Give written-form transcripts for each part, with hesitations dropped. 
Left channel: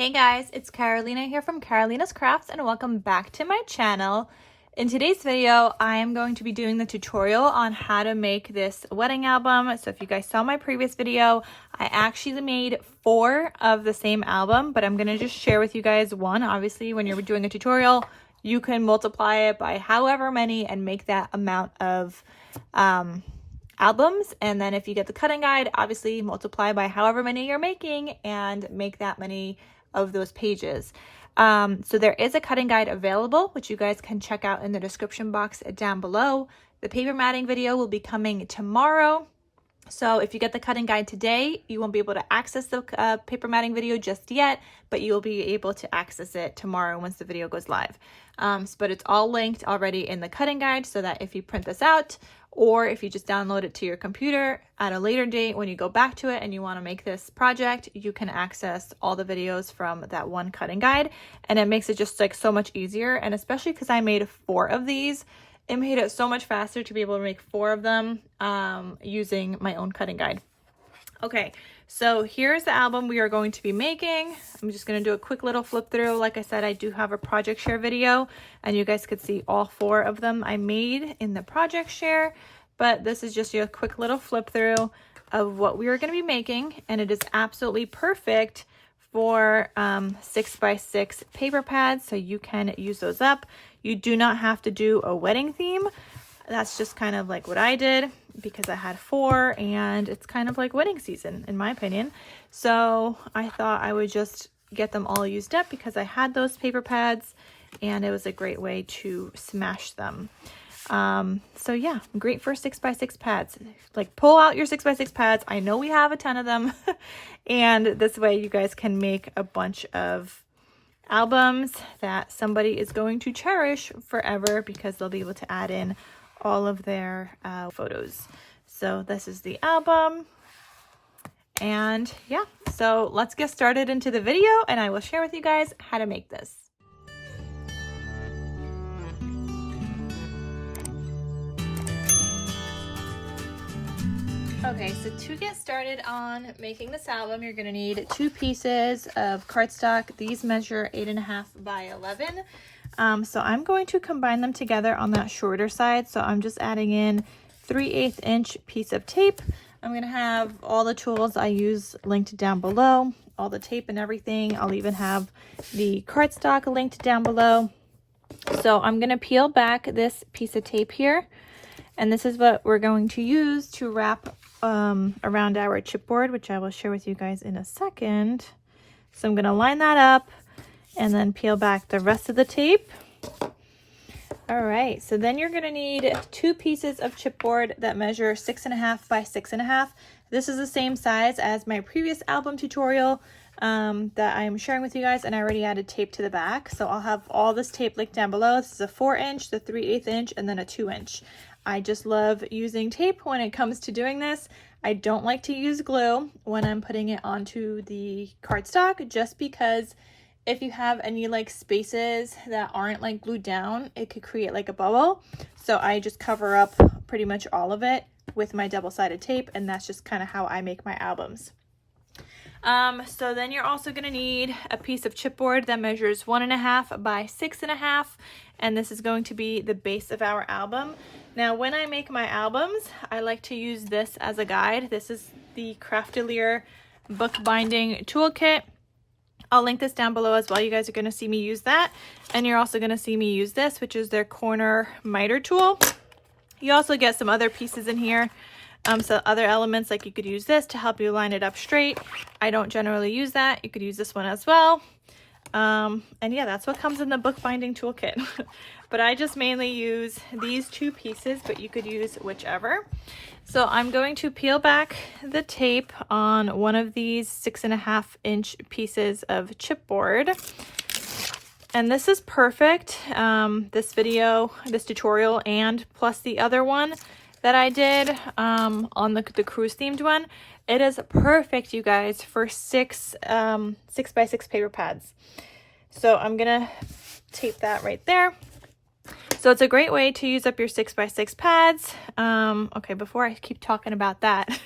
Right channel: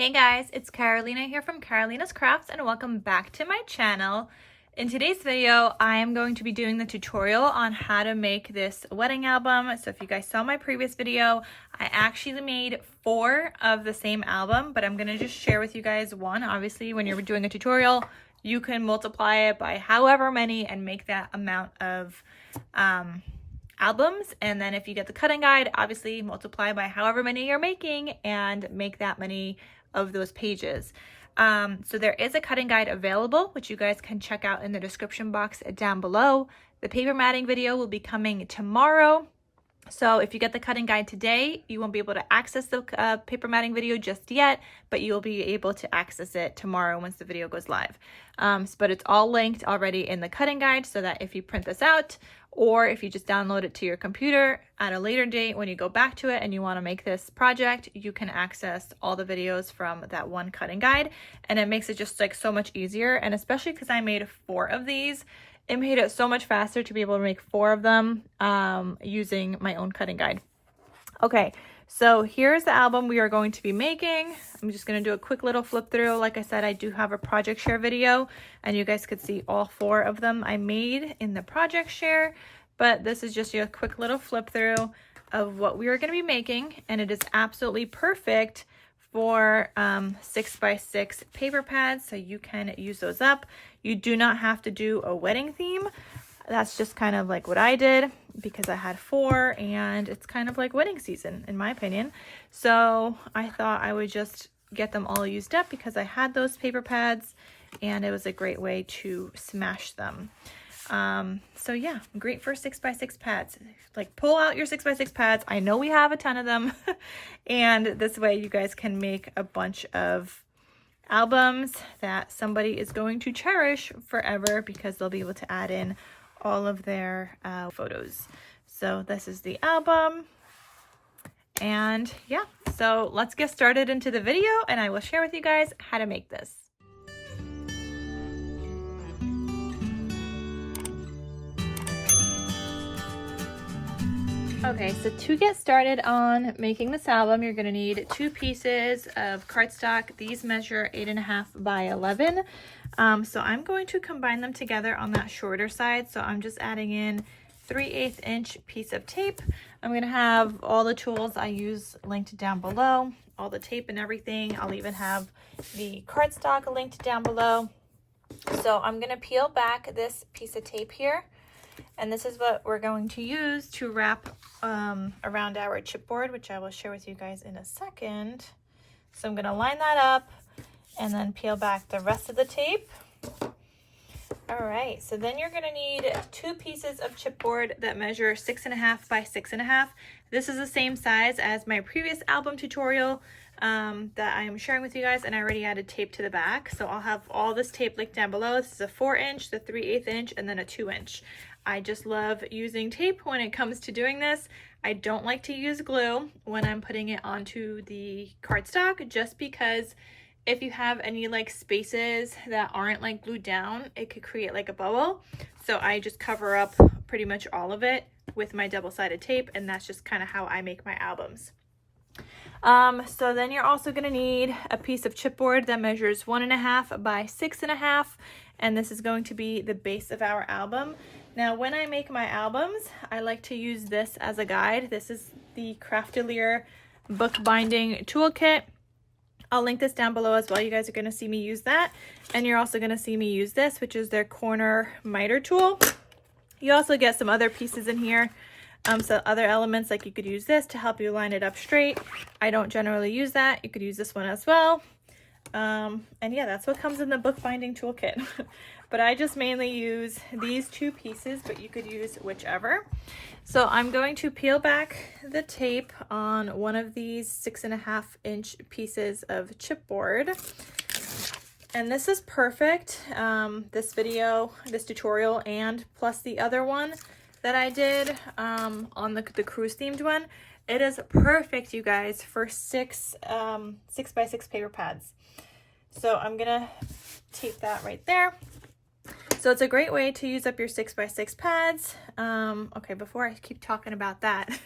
Hey guys, it's Carolina here from KarolinasKrafts and welcome back to my channel. In today's video, I am going to be doing the tutorial on how to make this wedding album. So if you guys saw my previous video, I actually made 4 of the same album, but I'm going to just share with you guys one. Obviously, when you're doing a tutorial, you can multiply it by however many and make that amount of albums. And then if you get the cutting guide, obviously multiply by however many you're making and make that many of those pages. So there is a cutting guide available, which you guys can check out in the description box down below. The paper matting video will be coming tomorrow. So if you get the cutting guide today, you won't be able to access the paper matting video just yet, but you'll be able to access it tomorrow once the video goes live. But it's all linked already in the cutting guide so that if you print this out or if you just download it to your computer at a later date when you go back to it and you want to make this project, you can access all the videos from that one cutting guide, and it makes it just like so much easier. And especially because I made 4 of these, it made it so much faster to be able to make 4 of them using my own cutting guide. Okay, so here's the album we are going to be making. I'm just going to do a quick little flip through. Like I said, I do have a project share video and you guys could see all 4 of them I made in the project share, but this is just a quick little flip through of what we are going to be making, and it is absolutely perfect for 6x6 paper pads, so you can use those up. You do not have to do a wedding theme. That's just kind of like what I did because I had 4 and it's kind of like wedding season in my opinion. So I thought I would just get them all used up because I had those paper pads and it was a great way to smash them. So yeah, great for 6x6 pads. Like, pull out your 6x6 pads. I know we have a ton of them and this way you guys can make a bunch of albums that somebody is going to cherish forever because they'll be able to add in all of their photos. So this is the album, and yeah, so let's get started into the video and I will share with you guys how to make this. Okay, so to get started on making this album, you're going to need 2 pieces of cardstock. These measure 8.5 by 11. So I'm going to combine them together on that shorter side. So I'm just adding in 3/8 inch piece of tape. I'm going to have all the tools I use linked down below, all the tape and everything. I'll even have the cardstock linked down below. So I'm going to peel back this piece of tape here. And this is what we're going to use to wrap around our chipboard, which I will share with you guys in a second. So I'm going to line that up and then peel back the rest of the tape. All right, so then you're going to need 2 pieces of chipboard that measure 6.5 by 6.5. This is the same size as my previous album tutorial that I am sharing with you guys, and I already added tape to the back. So I'll have all this tape linked down below. This is a 4-inch, the 3/8 inch, and then a 2-inch. I just love using tape when it comes to doing this. I don't like to use glue when I'm putting it onto the cardstock, just because if you have any like spaces that aren't like glued down, it could create like a bubble. So I just cover up pretty much all of it with my double-sided tape, and that's just kind of how I make my albums. So then you're also going to need a piece of chipboard that measures 1.5 by 6.5, and this is going to be the base of our album. Now, when I make my albums, I like to use this as a guide. This is the Craftelier bookbinding toolkit. I'll link this down below as well. You guys are going to see me use that, and you're also going to see me use this, which is their corner miter tool. You also get some other pieces in here. So other elements, like you could use this to help you line it up straight. I don't generally use that. You could use this one as well. And yeah, that's what comes in the bookbinding toolkit. But I just mainly use these 2 pieces, but you could use whichever. So I'm going to peel back the tape on one of these 6.5 inch pieces of chipboard. And this is perfect. This tutorial, and plus the other one that I did on the cruise themed one, it is perfect, you guys, for 6x6 paper pads. So I'm gonna tape that right there. So it's a great way to use up your 6x6 pads. Okay, before I keep talking about that,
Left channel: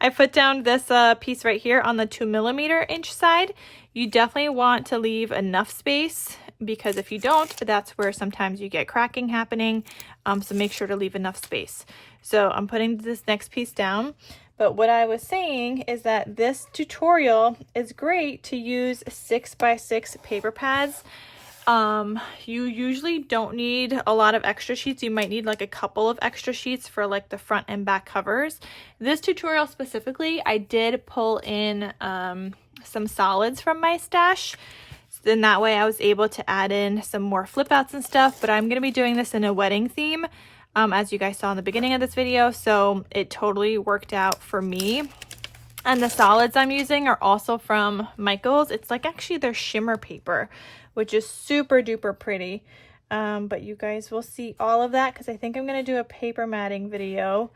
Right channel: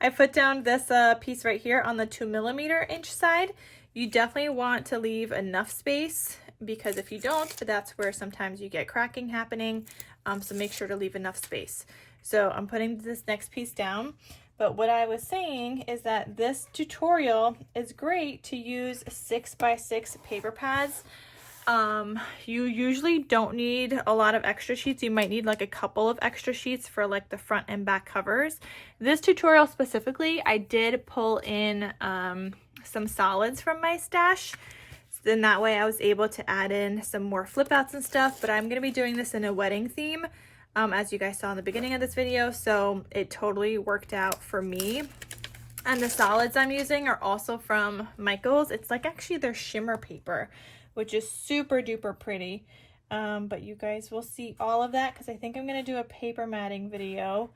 I put down this piece right here on the 2mm inch side. You definitely want to leave enough space, because if you don't, that's where sometimes you get cracking happening. So make sure to leave enough space. So I'm putting this next piece down. But what I was saying is that this tutorial is great to use 6x6 paper pads. You usually don't need a lot of extra sheets. You might need like a couple of extra sheets for like the front and back covers. This tutorial specifically, I did pull in some solids from my stash. Then that way I was able to add in some more flip outs and stuff, but I'm going to be doing this in a wedding theme, as you guys saw in the beginning of this video. So it totally worked out for me. And the solids I'm using are also from Michaels. It's like actually their shimmer paper, which is super duper pretty. But you guys will see all of that, because I think I'm going to do a paper matting video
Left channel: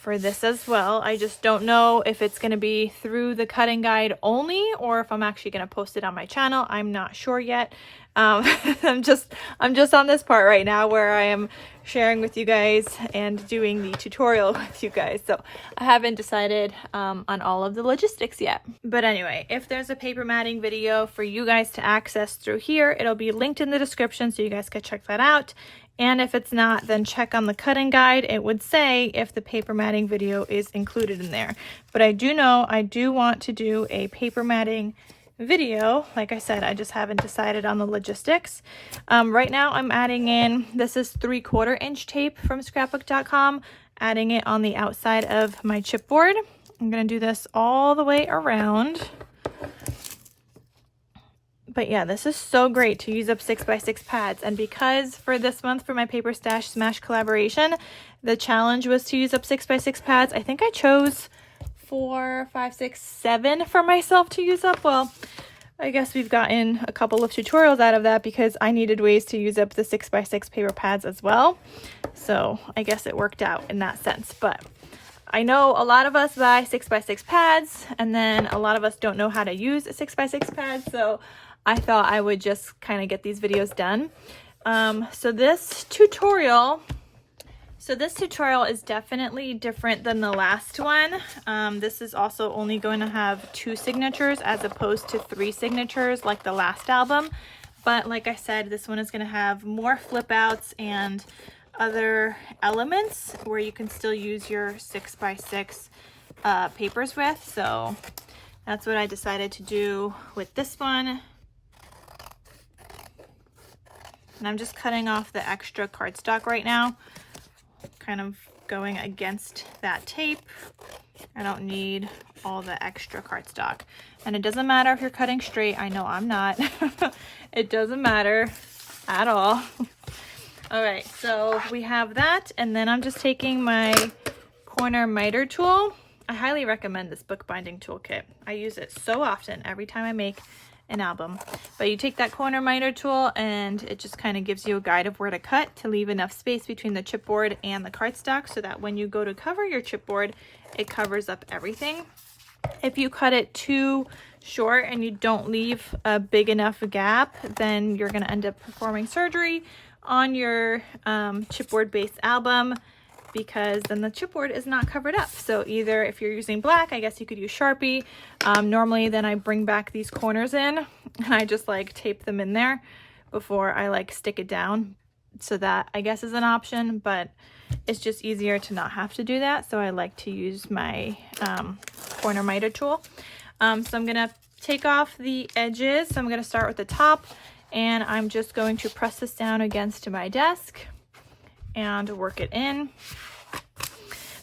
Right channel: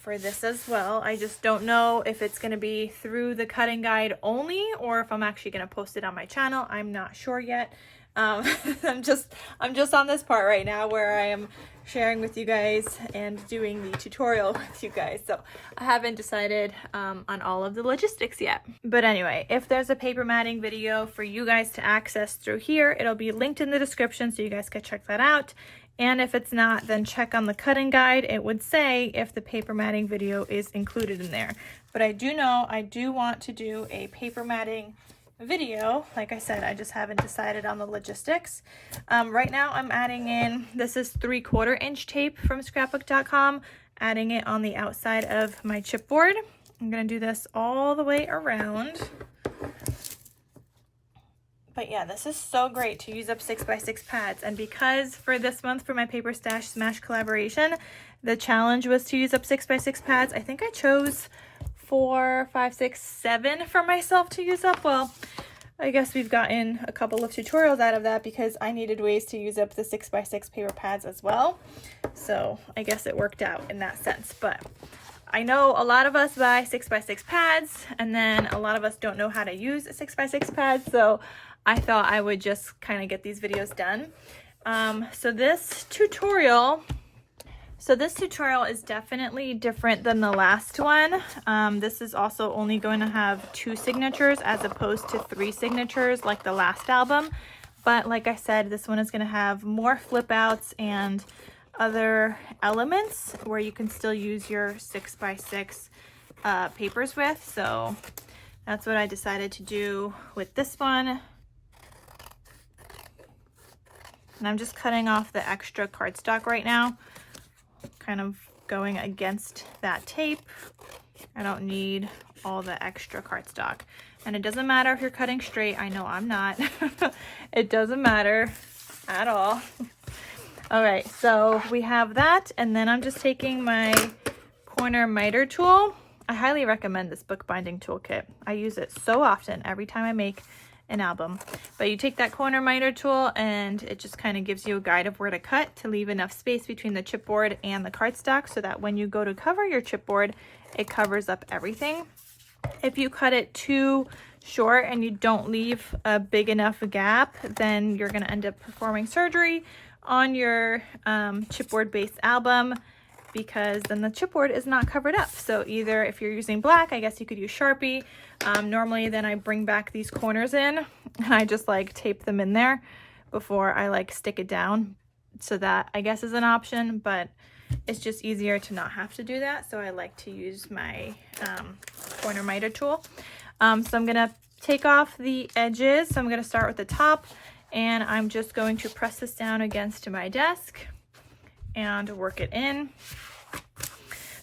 for this as well. I just don't know if it's going to be through the cutting guide only, or if I'm actually going to post it on my channel. I'm not sure yet. I'm just on this part right now where I am sharing with you guys and doing the tutorial with you guys. So I haven't decided on all of the logistics yet. But anyway, if there's a paper matting video for you guys to access through here, it'll be linked in the description so you guys can check that out. And if it's not, then check on the cutting guide. It would say if the paper matting video is included in there. But I do know I do want to do a paper matting video. Like I said, I just haven't decided on the logistics. Right now I'm adding in, this is 3/4 inch tape from scrapbook.com, adding it on the outside of my chipboard. I'm going to do this all the way around. But yeah, this is so great to use up 6x6 pads. And because for this month for my Paper Stash Smash collaboration, the challenge was to use up 6x6 pads, I think I chose 4, 5, 6, 7 for myself to use up. Well, I guess we've gotten a couple of tutorials out of that, because I needed ways to use up the 6x6 paper pads as well. So I guess it worked out in that sense. But I know a lot of us buy 6x6 pads, and then a lot of us don't know how to use 6x6 pads. So I thought I would just kind of get these videos done. So this tutorial is definitely different than the last one. This is also only going to have 2 signatures as opposed to 3 signatures like the last album. But like I said, this one is going to have more flip outs and other elements where you can still use your 6x6 papers with. So that's what I decided to do with this one. And I'm just cutting off the extra cardstock right now, kind of going against that tape. I don't need all the extra cardstock. And it doesn't matter if you're cutting straight. I know I'm not. It doesn't matter at all. All right, so we have that. And then I'm just taking my corner miter tool. I highly recommend this bookbinding toolkit. I use it so often every time I make an album. But you take that corner miter tool and it just kind of gives you a guide of where to cut to leave enough space between the chipboard and the cardstock, so that when you go to cover your chipboard, it covers up everything. If you cut it too short and you don't leave a big enough gap, then you're going to end up performing surgery on your chipboard based album, because then the chipboard is not covered up. So either if you're using black, I guess you could use Sharpie. Normally then I bring back these corners in and I just like tape them in there before I like stick it down. So that I guess is an option, but it's just easier to not have to do that. So I like to use my corner miter tool. So I'm gonna take off the edges. So I'm gonna start with the top, and I'm just going to press this down against my desk and work it in.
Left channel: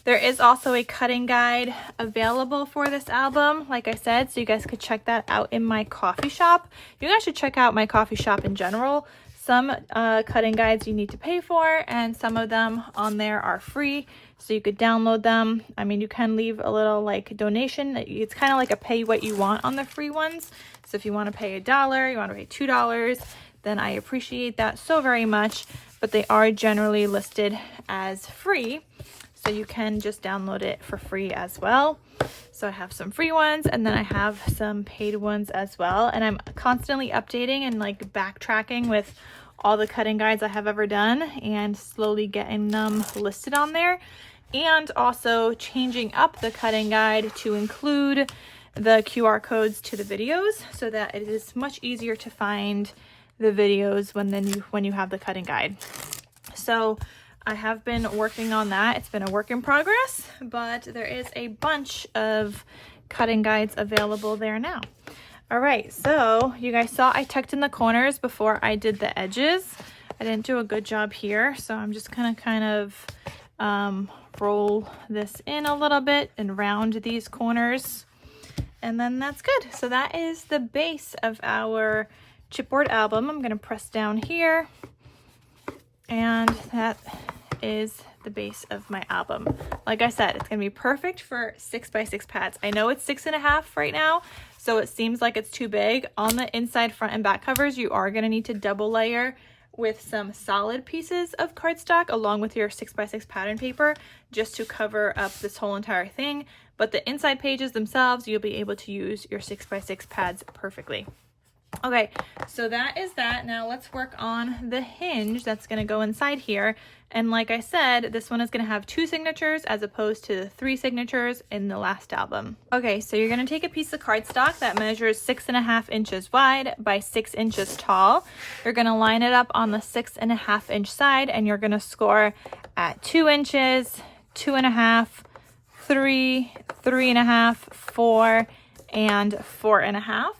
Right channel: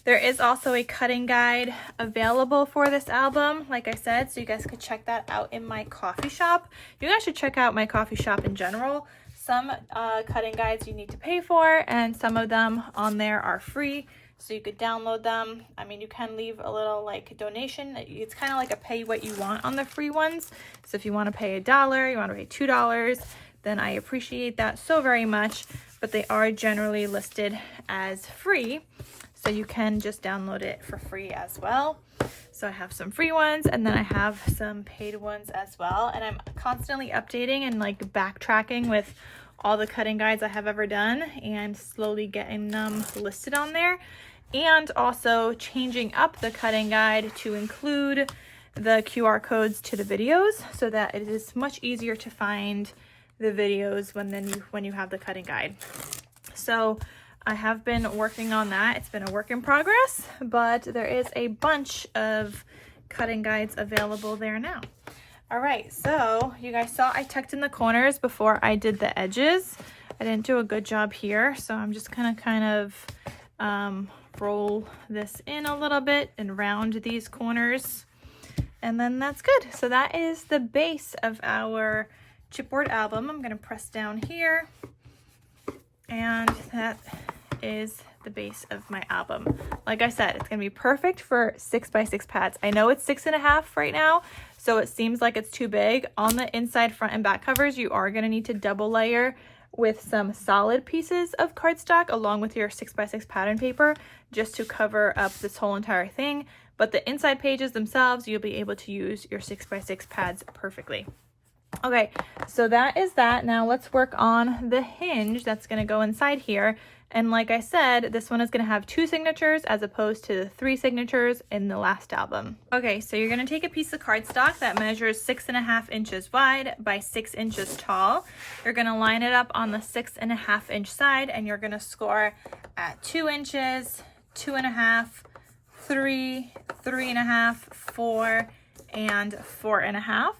There is also a cutting guide available for this album, like I said, so you guys could check that out in my coffee shop. You guys should check out my coffee shop in general. Some cutting guides you need to pay for, and some of them on there are free, so you could download them. I mean, you can leave a little like donation. It's kind of like a pay what you want on the free ones. So if you want to pay $1, you want to pay $2, then I appreciate that so very much. But they are generally listed as free, so you can just download it for free as well. So I have some free ones, and then I have some paid ones as well, and I'm constantly updating and like backtracking with all the cutting guides I have ever done and slowly getting them listed on there, and also changing up the cutting guide to include the QR codes to the videos so that it is much easier to find the videos when you have the cutting guide. So I have been working on that. It's been a work in progress, but there is a bunch of cutting guides available there now. All right, so you guys saw I tucked in the corners before I did the edges. I didn't do a good job here, so I'm just gonna kind of roll this in a little bit and round these corners, and then that's good. So that is the base of our chipboard album. I'm gonna press down here, and that is the base of my album. Like I said, it's gonna be perfect for 6x6 pads. I know it's 6.5 right now, so it seems like it's too big. On the inside front and back covers, you are gonna need to double layer with some solid pieces of cardstock along with your 6x6 pattern paper just to cover up this whole entire thing. But the inside pages themselves, you'll be able to use your 6x6 pads perfectly. Okay, so that is that. Now let's work on the hinge that's going to go inside here. And like I said, this one is going to have 2 signatures as opposed to 3 signatures in the last album. Okay, so you're going to take a piece of cardstock that measures 6.5 inches wide by 6 inches tall. You're going to line it up on the 6.5 inch side, and you're going to score at 2 inches, 2.5, 3, 3.5, 4, and 4.5.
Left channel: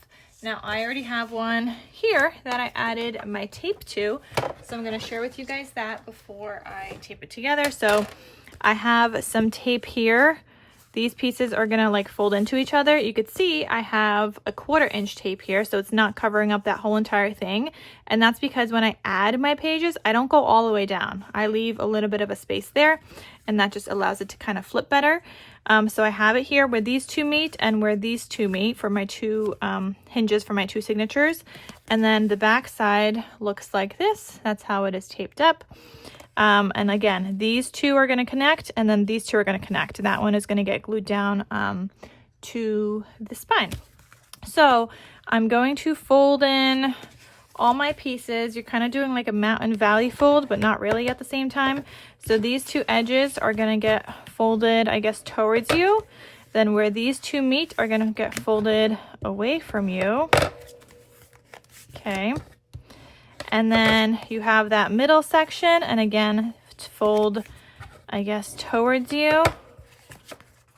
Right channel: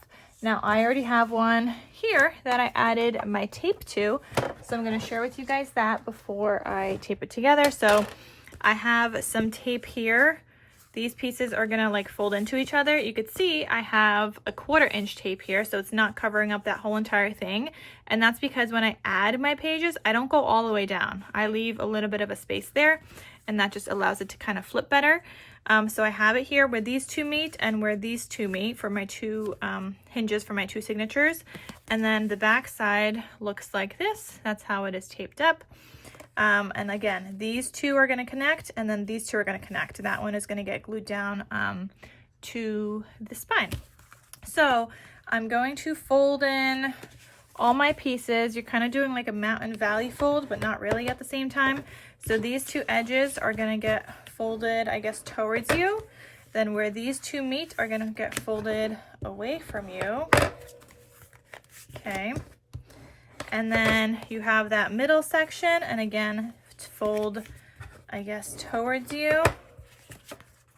Now I already have one here that I added my tape to, so I'm going to share with you guys that before I tape it together. So I have some tape here. These pieces are going to like fold into each other. You could see I have a 1/4 inch tape here, so it's not covering up that whole entire thing. And that's because when I add my pages, I don't go all the way down. I leave a little bit of a space there, and that just allows it to kind of flip better. So I have it here where these 2 meet and where these 2 meet for my 2 hinges for my 2 signatures. And then the back side looks like this. That's how it is taped up. And again, these 2 are going to connect, and then these 2 are going to connect. That one is going to get glued down to the spine. So I'm going to fold in all my pieces. You're kind of doing like a mountain valley fold, but not really at the same time. So these 2 edges are going to get folded, I guess, towards you. Then where these 2 meet are going to get folded away from you. Okay. And then you have that middle section, and again, fold, I guess, towards you.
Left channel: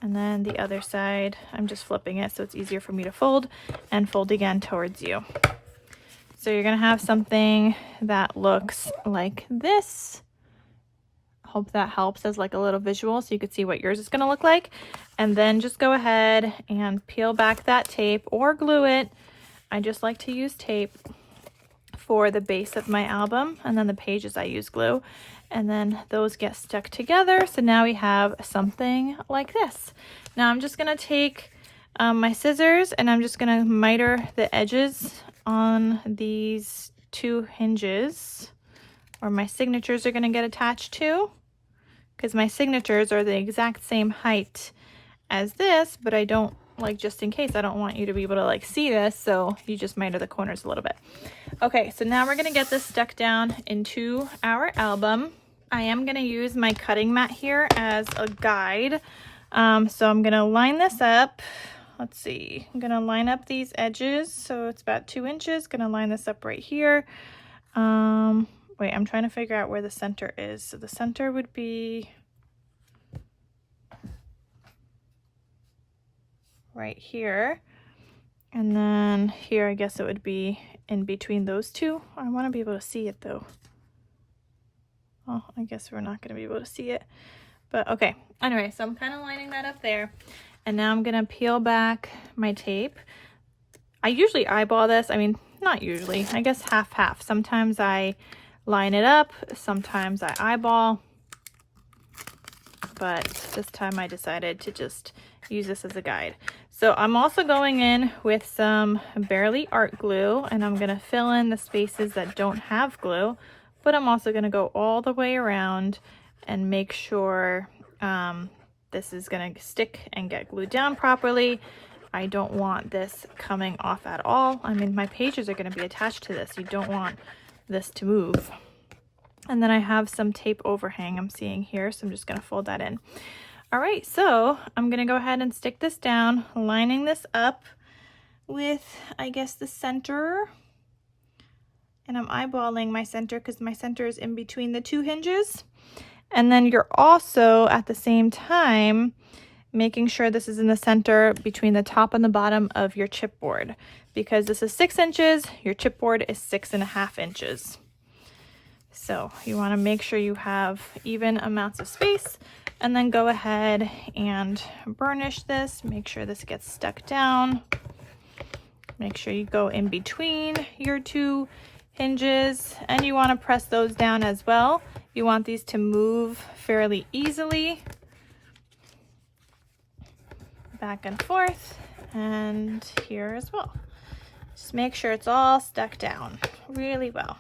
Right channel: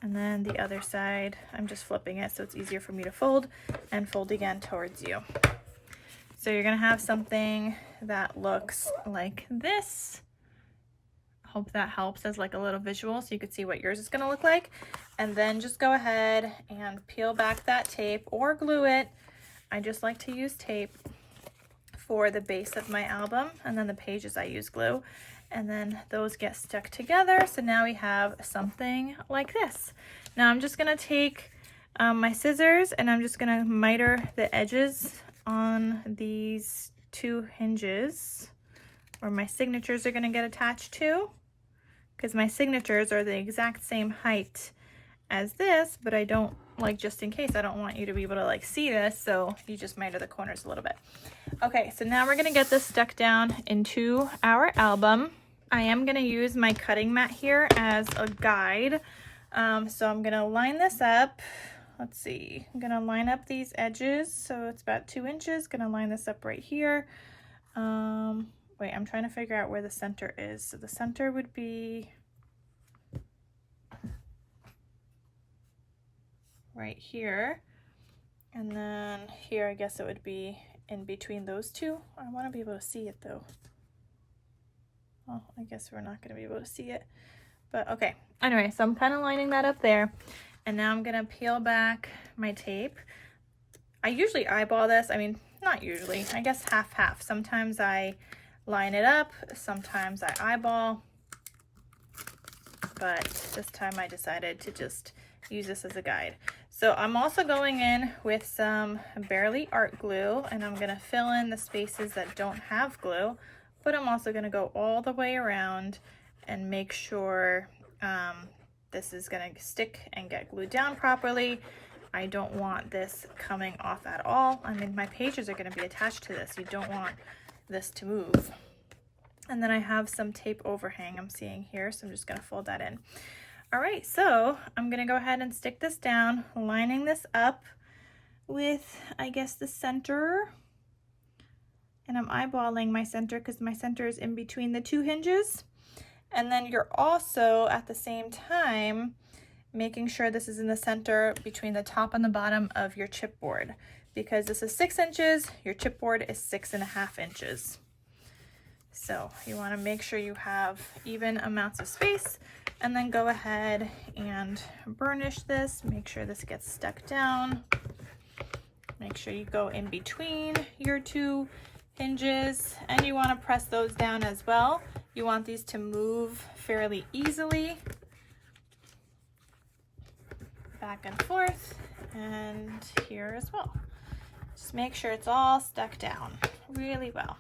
And then the other side, I'm just flipping it so it's easier for me to fold, and fold again towards you. So you're going to have something that looks like this. Hope that helps as like a little visual so you could see what yours is going to look like. And then just go ahead and peel back that tape or glue it. I just like to use tape for the base of my album, and then the pages I use glue, and then those get stuck together. So now we have something like this. Now I'm just going to take my scissors, and I'm just going to miter the edges on these 2 hinges where my signatures are going to get attached to, because my signatures are the exact same height as this, but I don't, like, just in case, I don't want you to be able to like see this, so you just miter the corners a little bit. Okay, so now we're going to get this stuck down into our album. I am going to use my cutting mat here as a guide. So I'm going to line this up. Let's see, I'm going to line up these edges, so it's about 2 inches. Going to line this up right here. Wait, I'm trying to figure out where the center is. So the center would be right here, and then here I guess it would be in between those 2. I want to be able to see it though. Oh, I guess we're not going to be able to see it, but okay. Anyway, so I'm kind of lining that up there, and now I'm going to peel back my tape. I usually eyeball this. I mean, not usually, I guess half. Sometimes I line it up, sometimes I eyeball, but this time I decided to just use this as a guide. So I'm also going in with some Barely Art glue, and I'm going to fill in the spaces that don't have glue, but I'm also going to go all the way around and make sure this is going to stick and get glued down properly. I don't want this coming off at all. I mean, my pages are going to be attached to this. You don't want this to move. And then I have some tape overhang I'm seeing here, so I'm just going to fold that in. All right, so I'm gonna go ahead and stick this down, lining this up with, I guess, the center. And I'm eyeballing my center because my center is in between the two hinges. And then you're also at the same time making sure this is in the center between the top and the bottom of your chipboard, because this is 6 inches, your chipboard is 6.5 inches. So you want to make sure you have even amounts of space, and then go ahead and burnish this. Make sure this gets stuck down. Make sure you go in between your two hinges, and you want to press those down as well. You want these to move fairly easily, back and forth, and here as well. Just make sure it's all stuck down really well.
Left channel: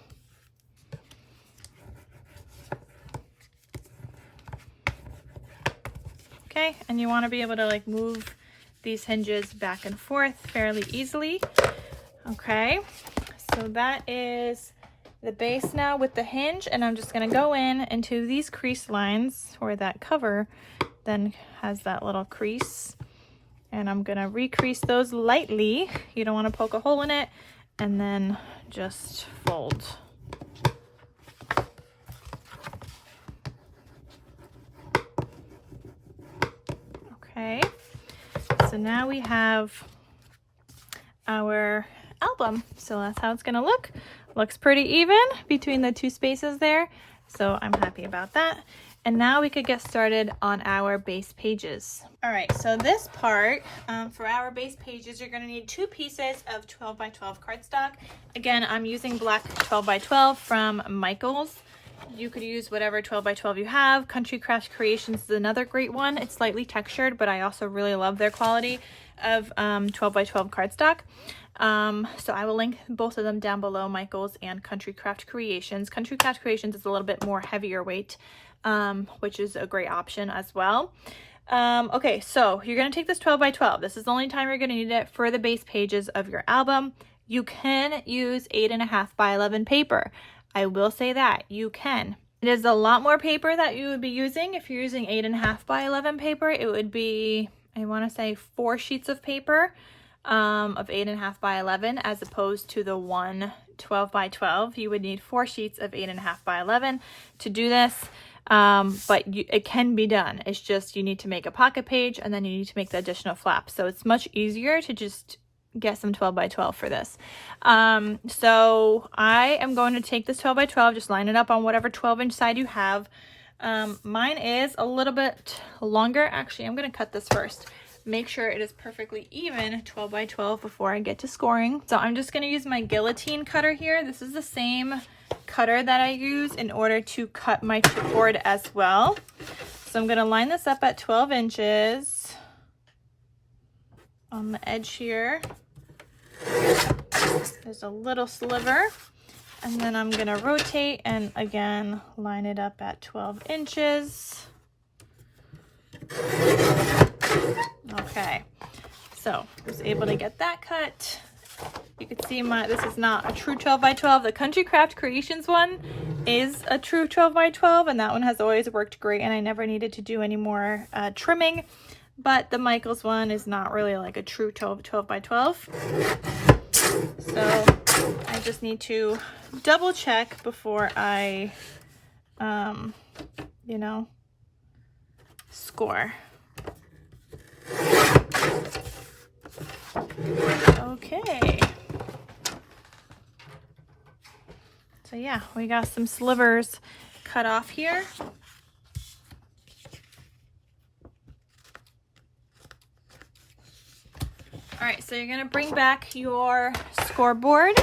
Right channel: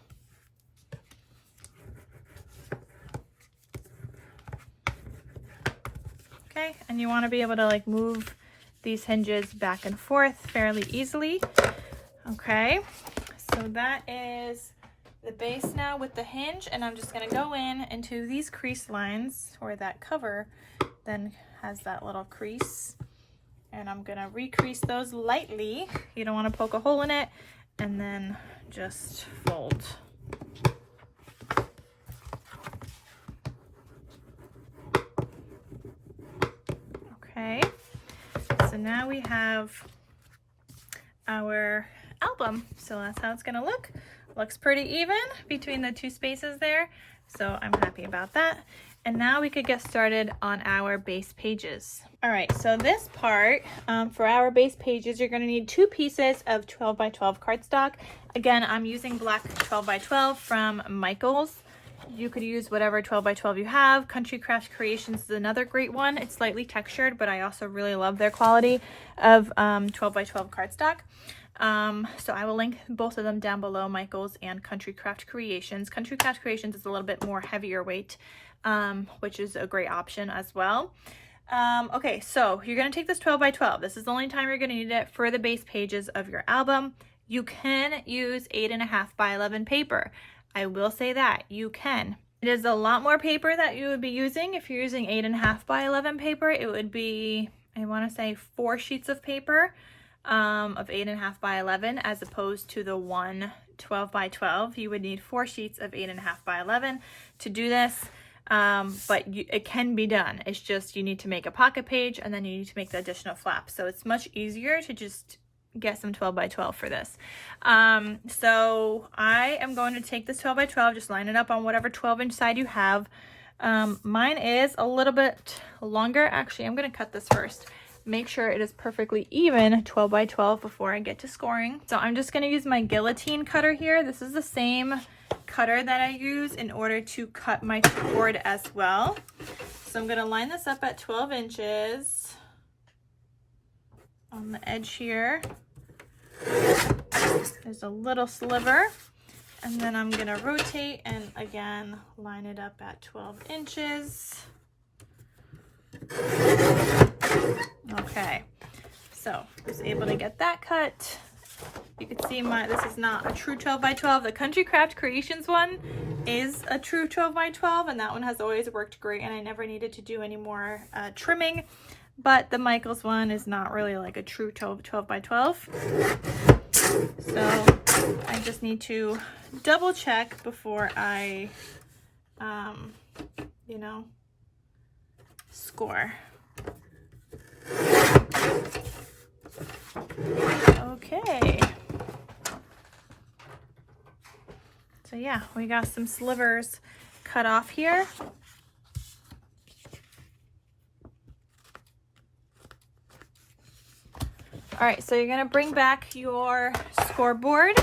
Okay, and you want to be able to like move these hinges back and forth fairly easily. Okay, so that is the base now with the hinge, and I'm just going to go in into these crease lines where that cover then has that little crease, and I'm going to recrease those lightly. You don't want to poke a hole in it, and then just fold. Okay, so now we have our album. So that's how it's gonna look. Looks pretty even between the two spaces there. So I'm happy about that. And now we could get started on our base pages. All right, so this part, for our base pages, you're gonna need 2 pieces of 12 by 12 cardstock. Again, I'm using black 12 by 12 from Michaels. You could use whatever 12 by 12 you have. Country Crafts Creations is another great one. It's slightly textured, but I also really love their quality of 12 by 12 cardstock. So I will link both of them down below, Michaels and Country Craft Creations. Country Craft Creations is a little bit more heavier weight, which is a great option as well. Okay, so you're going to take this 12 by 12. This is the only time you're going to need it for the base pages of your album. You can use 8.5 by 11 paper. I will say that you can. It is a lot more paper that you would be using. If you're using 8.5 by 11 paper, it would be, I want to say 4 sheets of paper of 8.5 by 11, as opposed to the one 12 by 12. You would need 4 sheets of 8.5 by 11 to do this. But it can be done. It's just you need to make a pocket page, and then you need to make the additional flap. So it's much easier to just get some 12 by 12 for this. So I am going to take this 12 by 12, just line it up on whatever 12-inch side you have. Mine is a little bit longer. Actually, I'm going to cut this first. Make sure it is perfectly even 12 by 12 before I get to scoring. So I'm just going to use my guillotine cutter here. This is the same cutter that I use in order to cut my chipboard as well. So I'm going to line this up at 12 inches on the edge here. There's a little sliver, and then I'm going to rotate and again line it up at 12 inches. Okay, so I was able to get that cut. You can see this is not a true 12 by 12. The Country Craft Creations one is a true 12 by 12, and that one has always worked great, and I never needed to do any more trimming. But the Michaels one is not really like a true 12 by 12. So I just need to double check before I, you know, score. Okay. So yeah, we got some slivers cut off here. All right, so you're gonna bring back your scoreboard.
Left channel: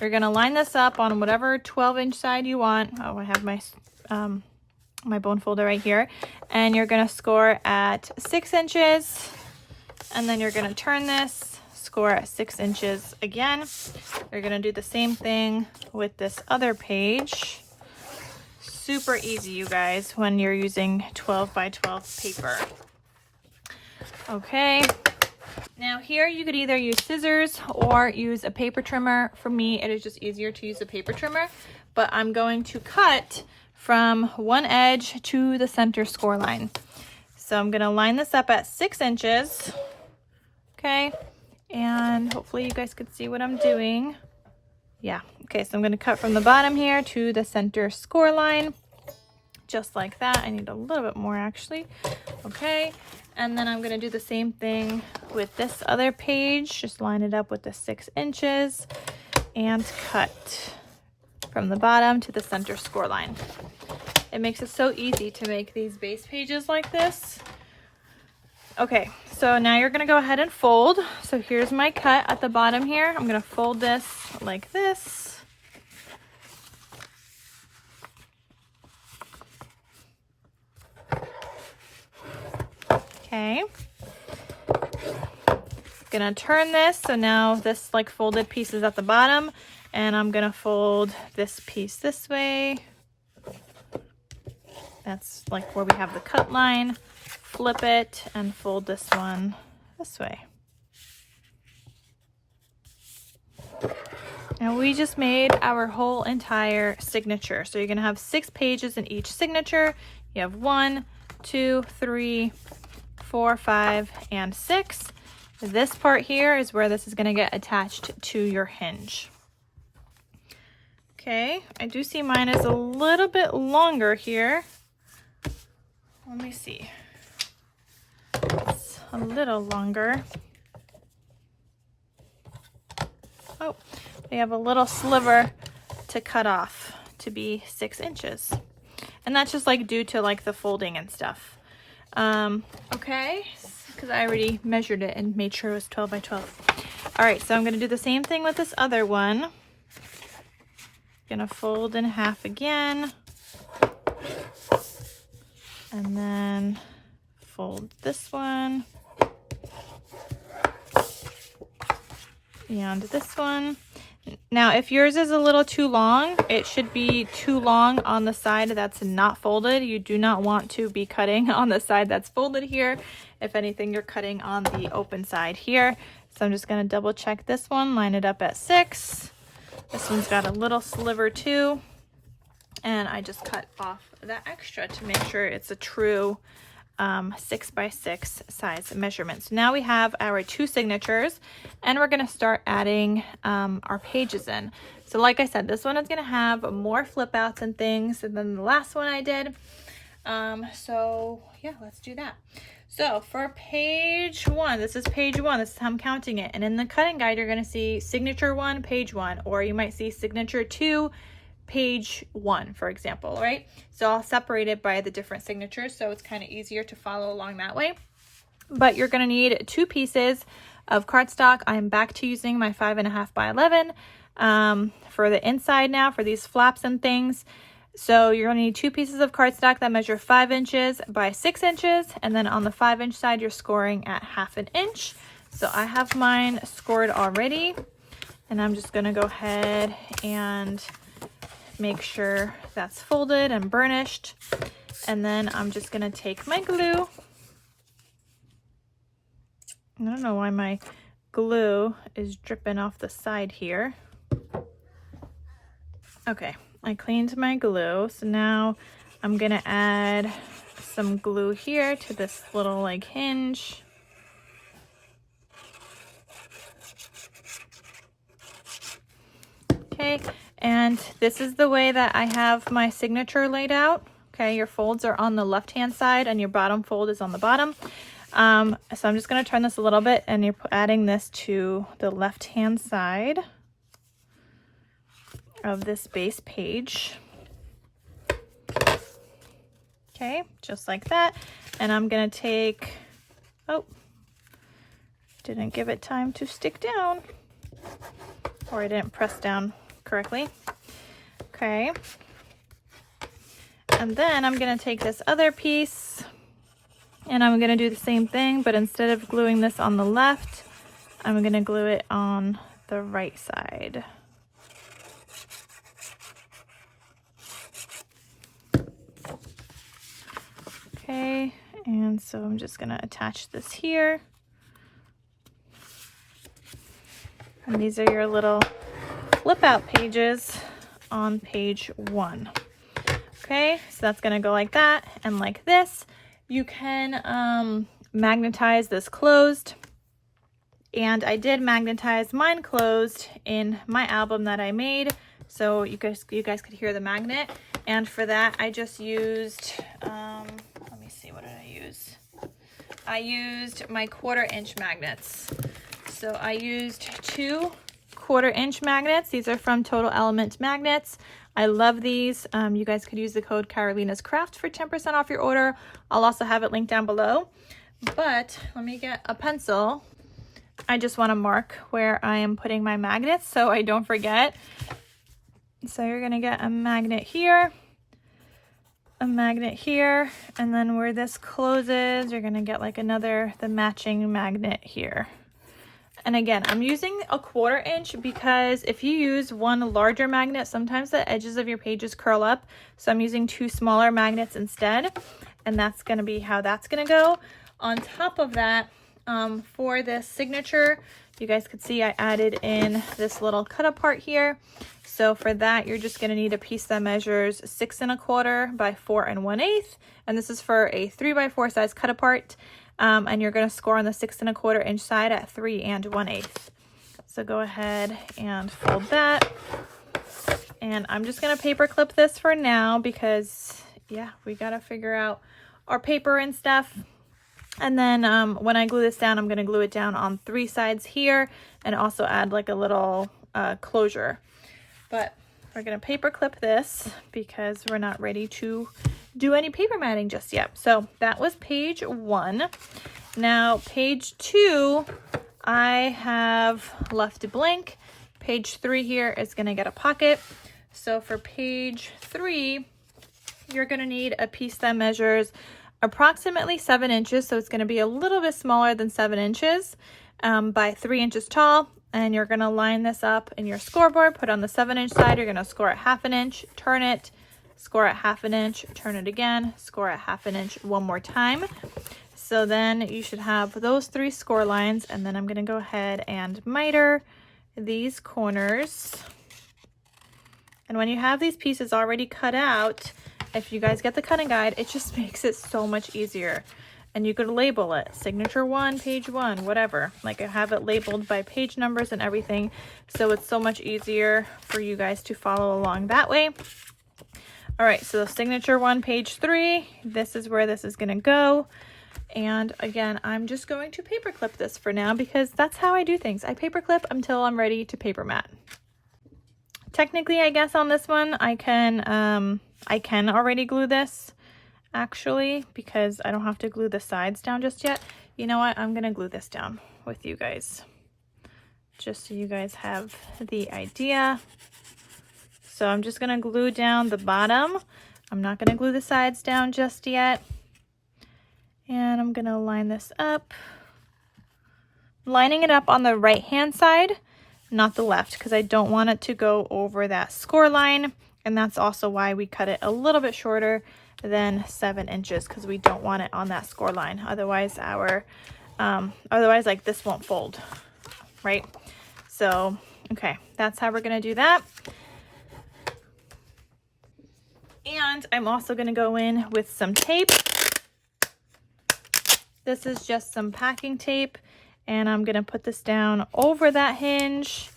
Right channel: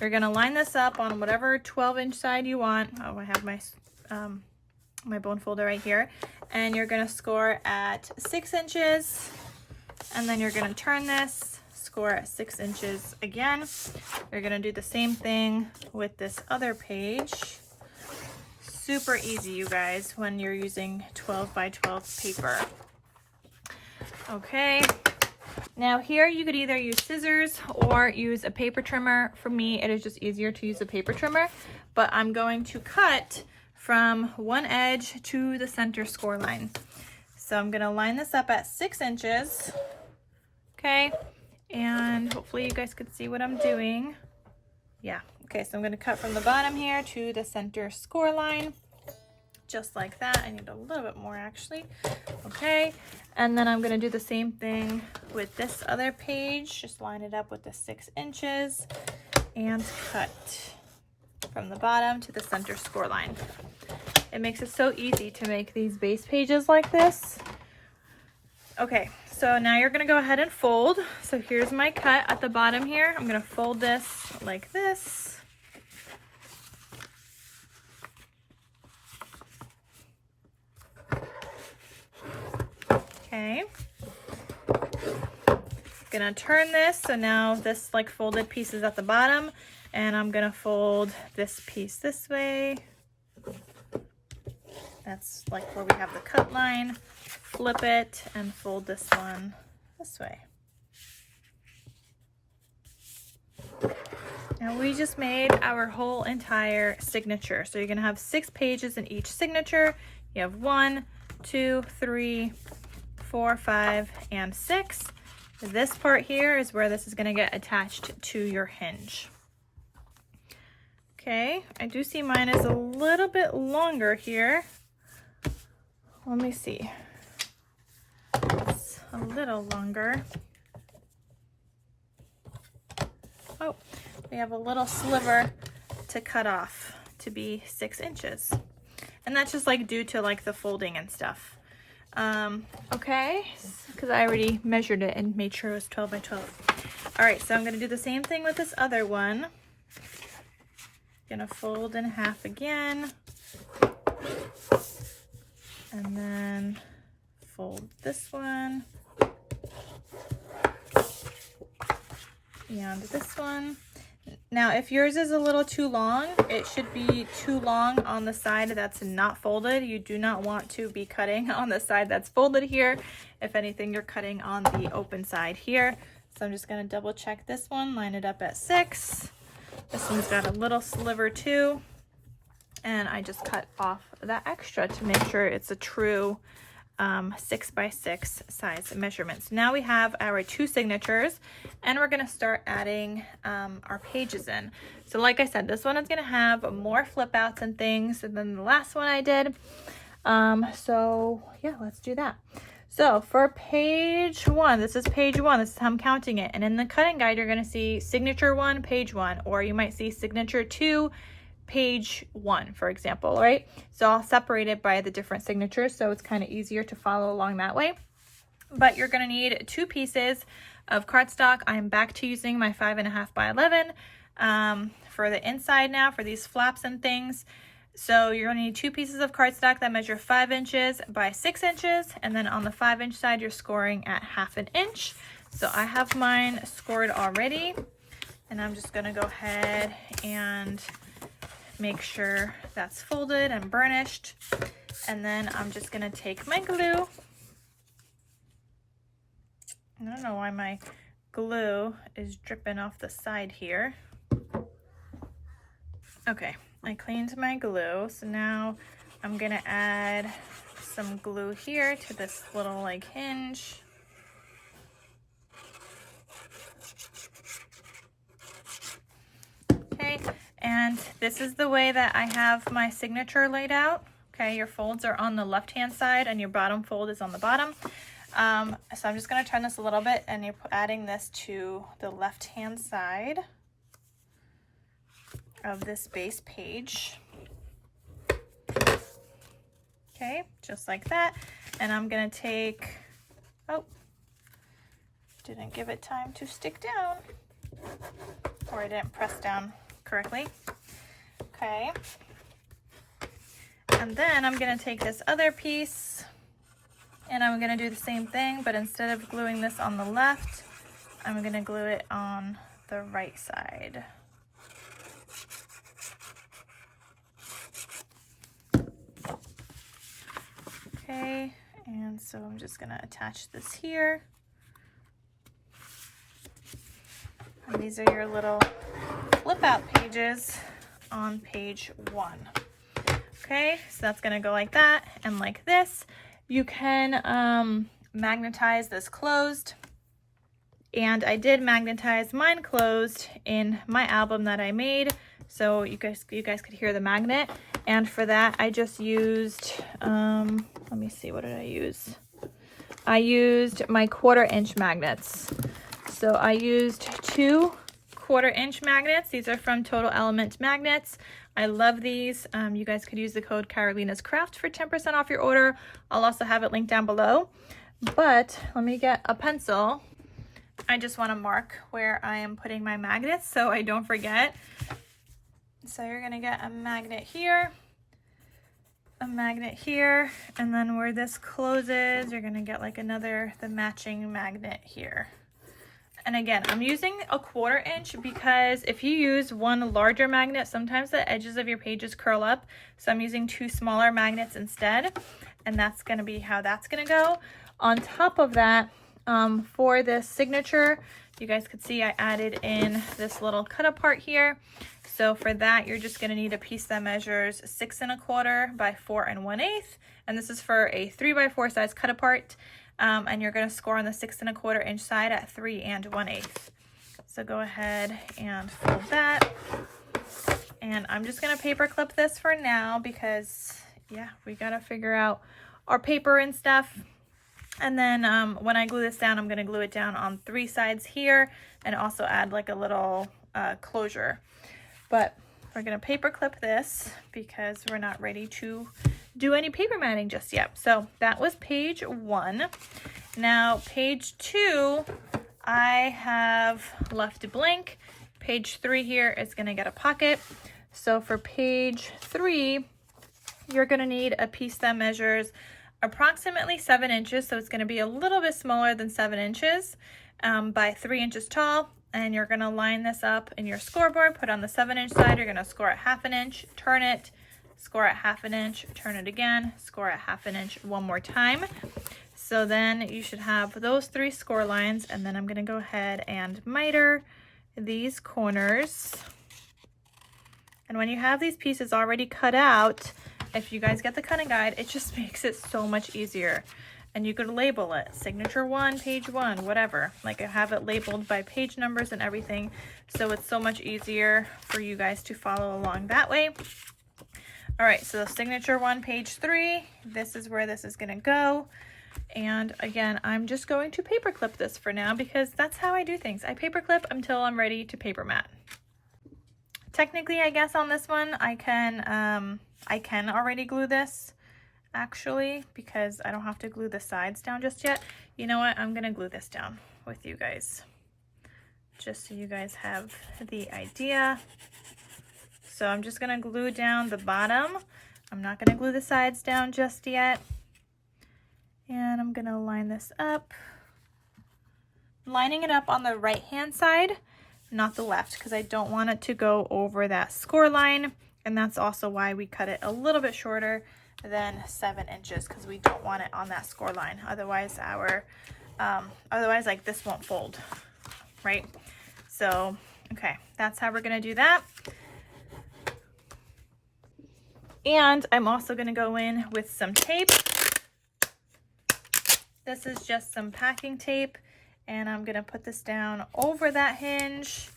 You're gonna line this up on whatever 12-inch side you want. Oh, I have my my bone folder right here. And you're gonna score at 6 inches. And then you're gonna turn this, score at 6 inches again. You're gonna do the same thing with this other page. Super easy, you guys, when you're using 12 by 12 paper. Okay. Now here you could either use scissors or use a paper trimmer. For me, it is just easier to use a paper trimmer, but I'm going to cut from one edge to the center score line. So I'm gonna line this up at 6 inches. Okay, and hopefully you guys could see what I'm doing. Yeah, okay, so I'm gonna cut from the bottom here to the center score line, just like that. I need a little bit more actually. Okay, and then I'm gonna do the same thing with this other page. Just line it up with the 6 inches and cut from the bottom to the center score line. It makes it so easy to make these base pages like this. Okay, so now you're gonna go ahead and fold. So here's my cut at the bottom here. I'm gonna fold this like this. Okay. Gonna turn this, so now this like folded piece is at the bottom, and I'm gonna fold this piece this way. That's like where we have the cut line. Flip it and fold this one this way. And we just made our whole entire signature. So you're gonna have 6 pages in each signature. You have 1, 2, 3, 4, 5, and 6. This part here is where this is gonna get attached to your hinge. Okay, I do see mine is a little bit longer here. Let me see. It's a little longer. Oh, we have a little sliver to cut off to be 6 inches. And that's just like due to like the folding and stuff. Okay, because I already measured it and made sure it was 12 by 12. All right, so I'm gonna do the same thing with this other one. Gonna fold in half again. And then fold this one. And this one. Now, if yours is a little too long, it should be too long on the side that's not folded. You do not want to be cutting on the side that's folded here. If anything, you're cutting on the open side here. So I'm just gonna double check this one, line it up at 6. This one's got a little sliver too. And I just cut off that extra to make sure it's a true 6 by 6 size measurement. So now we have our 2 signatures, and we're gonna start adding our pages in. So like I said, this one is gonna have more flip outs and things than the last one I did. So yeah, let's do that. So for page 1, this is page 1, this is how I'm counting it. And in the cutting guide, you're gonna see signature 1, page 1, or you might see signature 2, page 1, for example, right? So I'll separate it by the different signatures, so it's kind of easier to follow along that way. But you're gonna need 2 pieces of cardstock. I'm back to using my 5.5 by 11 for the inside now, for these flaps and things. So you're gonna need 2 pieces of cardstock that measure 5 inches by 6 inches, and then on the 5-inch side, you're scoring at 1/2 inch. So I have mine scored already, and I'm just gonna go ahead and make sure that's folded and burnished. And then I'm just gonna take my glue. I don't know why my glue is dripping off the side here. Okay, I cleaned my glue. So now I'm gonna add some glue here to this little like hinge. Okay. And this is the way that I have my signature laid out. Okay, your folds are on the left-hand side and your bottom fold is on the bottom. So I'm just gonna turn this a little bit, and you're adding this to the left-hand side of this base page. Okay, just like that. And I'm gonna take, oh, didn't give it time to stick down, or I didn't press down correctly. Okay, and then I'm gonna take this other piece and I'm gonna do the same thing, but instead of gluing this on the left, I'm gonna glue it on the right side. Okay, and so I'm just gonna attach this here. And these are your little flip out pages on page 1. Okay, so that's gonna go like that and like this. You can magnetize this closed, and I did magnetize mine closed in my album that I made, so you guys could hear the magnet. And for that I just used let me see, what did I use? I used my 1/4 inch magnets. So I used 2 1/4 inch magnets. These are from Total Element Magnets. I love these. You guys could use the code KarolinasKrafts for 10% off your order. I'll also have it linked down below. But let me get a pencil. I just want to mark where I am putting my magnets so I don't forget. So you're going to get a magnet here, a magnet here, and then where this closes, you're going to get like the matching magnet here. And again, I'm using a 1/4 inch because if you use one larger magnet, sometimes the edges of your pages curl up. So I'm using 2 smaller magnets instead, and that's going to be how that's going to go. On top of that, for this signature, you guys could see I added in this little cut apart here. So for that, you're just going to need a piece that measures 6 1/4 by 4 1/8, and this is for a 3 by 4 size cut apart. And you're going to score on the 6 1/4 inch side at 3 1/8. So go ahead and fold that. And I'm just going to paper clip this for now because, yeah, we got to figure out our paper and stuff. And then when I glue this down, I'm going to glue it down on 3 sides here and also add like a little closure. But we're going to paper clip this because we're not ready to do any paper matting just yet. So that was page 1. Now page 2, I have left blank. Page 3 here is going to get a pocket. So for page 3, you're going to need a piece that measures approximately 7 inches. So it's going to be a little bit smaller than 7 inches by 3 inches tall. And you're going to line this up in your scoreboard, put on the 7 inch side. You're going to score at 1/2 inch, turn it, score at 1/2 inch, turn it again, score at 1/2 inch one more time. So then you should have those 3 score lines, and then I'm going to go ahead and miter these corners. And when you have these pieces already cut out, if you guys get the cutting guide, it just makes it so much easier. And you could label it signature 1, page 1, whatever. Like I have it labeled by page numbers and everything, so it's so much easier for you guys to follow along that way. All right, so signature 1, page 3, this is where this is going to go. And again, I'm just going to paper clip this for now because that's how I do things. I paper clip until I'm ready to paper mat. Technically, I guess on this one, I can already glue this actually because I don't have to glue the sides down just yet. You know what? I'm going to glue this down with you guys just so you guys have the idea. So I'm just going to glue down the bottom. I'm not going to glue the sides down just yet. And I'm going to line this up. Lining it up on the right hand side, not the left, because I don't want it to go over that score line. And that's also why we cut it a little bit shorter than 7 inches, because we don't want it on that score line. Otherwise like this won't fold, right? So, okay, that's how we're going to do that. And I'm also going to go in with some tape. This is just some packing tape, and I'm going to put this down over that hinge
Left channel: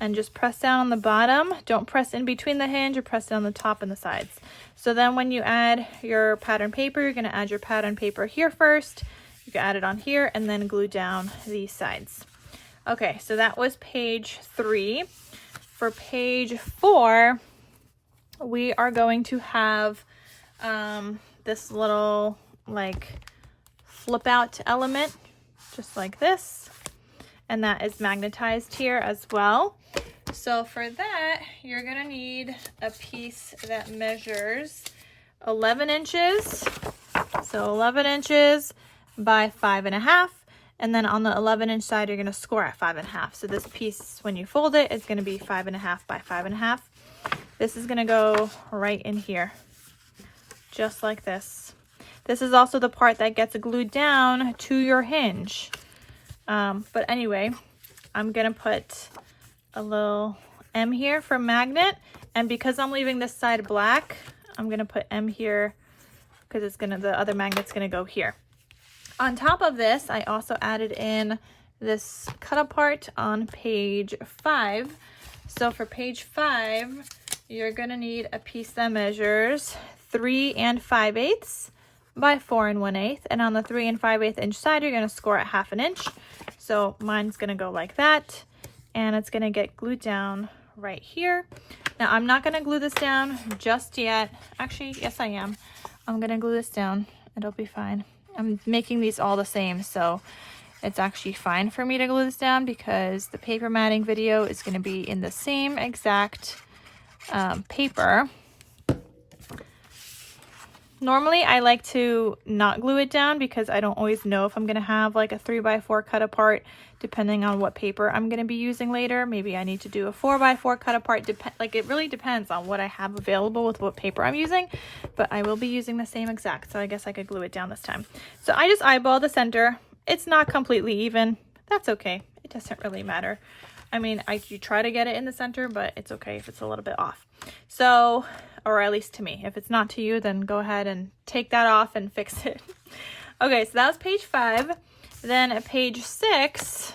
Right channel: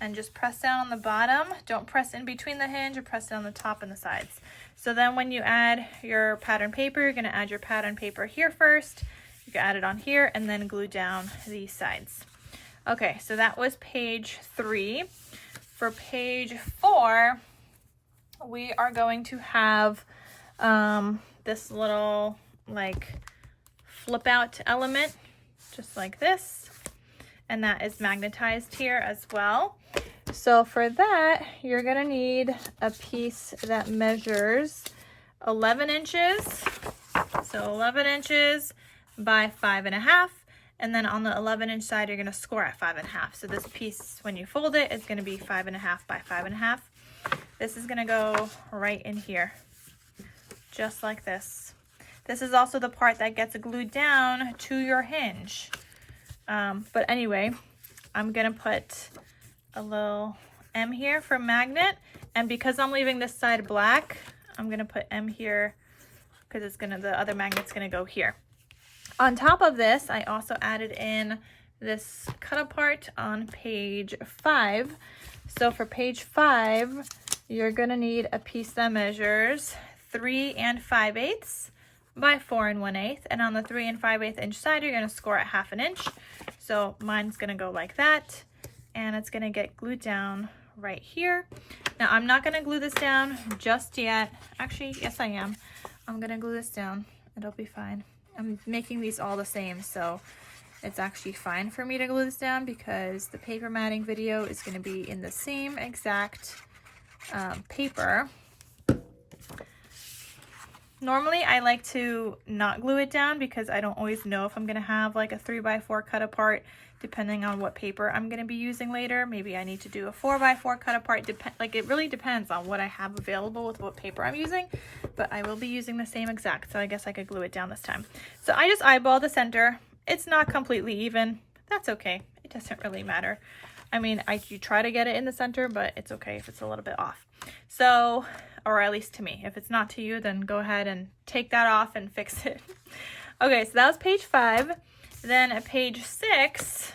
and just press down on the bottom. Don't press in between the hinge, or press down the top and the sides. So then when you add your pattern paper, you're going to add your pattern paper here first. You can add it on here and then glue down these sides. Okay, so that was page 3. For page 4, we are going to have this little like flip out element, just like this. And that is magnetized here as well. So for that, you're gonna need a piece that measures 11 inches. So 11 inches by 5 1/2. And then on the 11 inch side, you're gonna score at 5 1/2. So this piece, when you fold it, is gonna be 5 1/2 by 5 1/2. This is gonna go right in here, just like this. This is also the part that gets glued down to your hinge. But anyway, I'm gonna put a little M here for magnet, and because I'm leaving this side black, I'm gonna put M here because it's gonna, the other magnet's gonna go here. On top of this, I also added in this cut apart on page 5. So for page 5, you're gonna need a piece that measures 3 5/8 by 4 1/8. And on the 3 5/8 inch side, you're gonna score at 1/2 inch. So mine's gonna go like that, and it's gonna get glued down right here. Now I'm not gonna glue this down just yet. Actually, yes I am. I'm gonna glue this down. It'll be fine. I'm making these all the same, so it's actually fine for me to glue this down because the paper matting video is going to be in the same exact paper. Normally I like to not glue it down because I don't always know if I'm going to have like a 3x4 cut apart, depending on what paper I'm going to be using later. Maybe I need to do a 4x4 cut apart. Like it really depends on what I have available with what paper I'm using, but I will be using the same exact, so I guess I could glue it down this time. So I just eyeball the center. It's not completely even. That's okay. It doesn't really matter. I mean, you try to get it in the center, but it's okay if it's a little bit off. So, or at least to me. If it's not to you, then go ahead and take that off and fix it. Okay, so that was page 5. Then at page 6,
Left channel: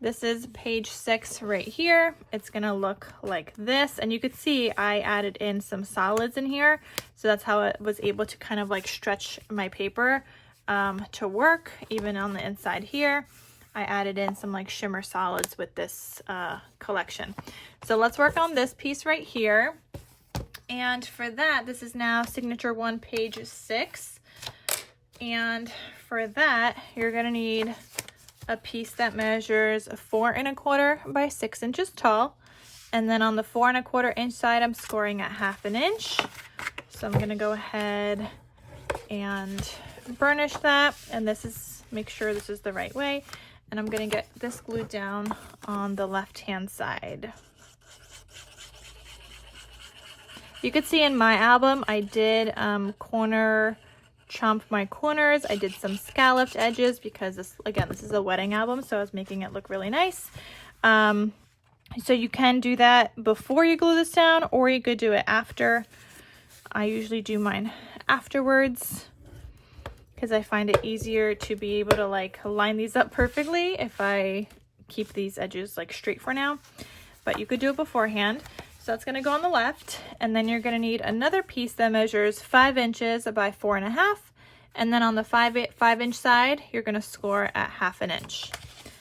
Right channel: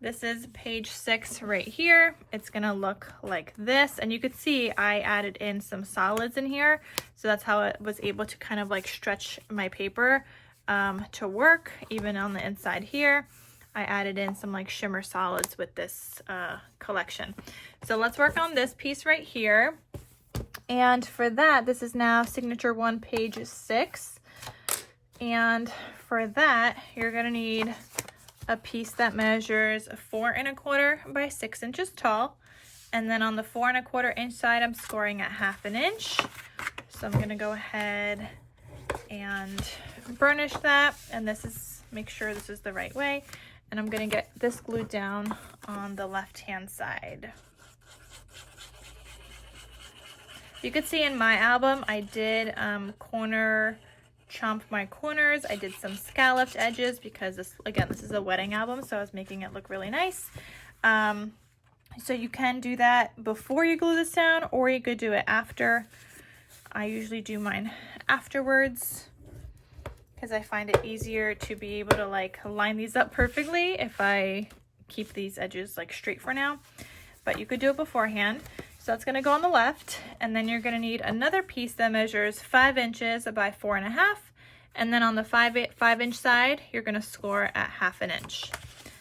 this is page 6 right here. It's gonna look like this, and you could see I added in some solids in here, so that's how I was able to kind of like stretch my paper to work. Even on the inside here, I added in some like shimmer solids with this collection. So let's work on this piece right here, and for that, this is now signature 1, page 6. And for that, you're gonna need a piece that measures 4 1/4 by 6 inches tall. And then on the 4 1/4 inch side, I'm scoring at 1/2 inch. So I'm gonna go ahead and burnish that. And this is, make sure this is the right way. And I'm gonna get this glued down on the left-hand side. You could see in my album, I did chomp my corners. I did some scalloped edges because this, again, this is a wedding album, so I was making it look really nice. So you can do that before you glue this down, or you could do it after. I usually do mine afterwards because I find it easier to be able to like line these up perfectly if I keep these edges like straight for now, but you could do it beforehand. So that's going to go on the left, and then you're going to need another piece that measures 5 inches by 4 1/2, and then on the 5 inch side, you're going to score at 1/2 inch.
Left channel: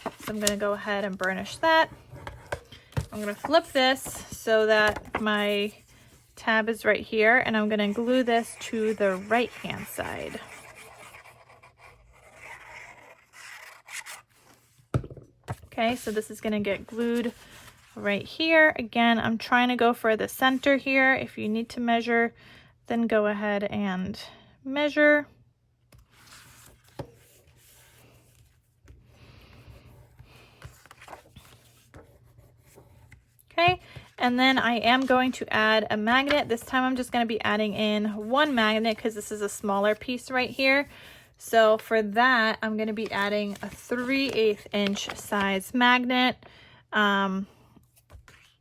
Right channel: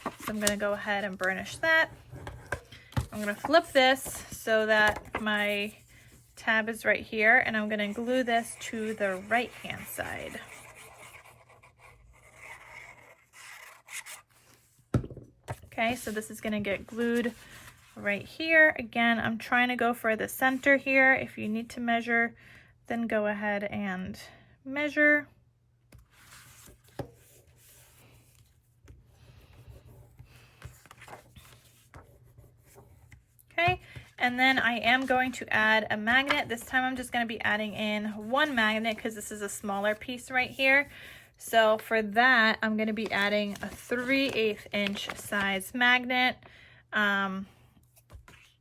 So I'm going to go ahead and burnish that. I'm going to flip this so that my tab is right here, and I'm going to glue this to the right hand side. Okay, so this is going to get glued right here. Again, I'm trying to go for the center here. If you need to measure, then go ahead and measure. Okay, and then I am going to add a magnet. This time I'm just going to be adding in 1 magnet because this is a smaller piece right here. So for that, I'm going to be adding a 3/8 inch size magnet.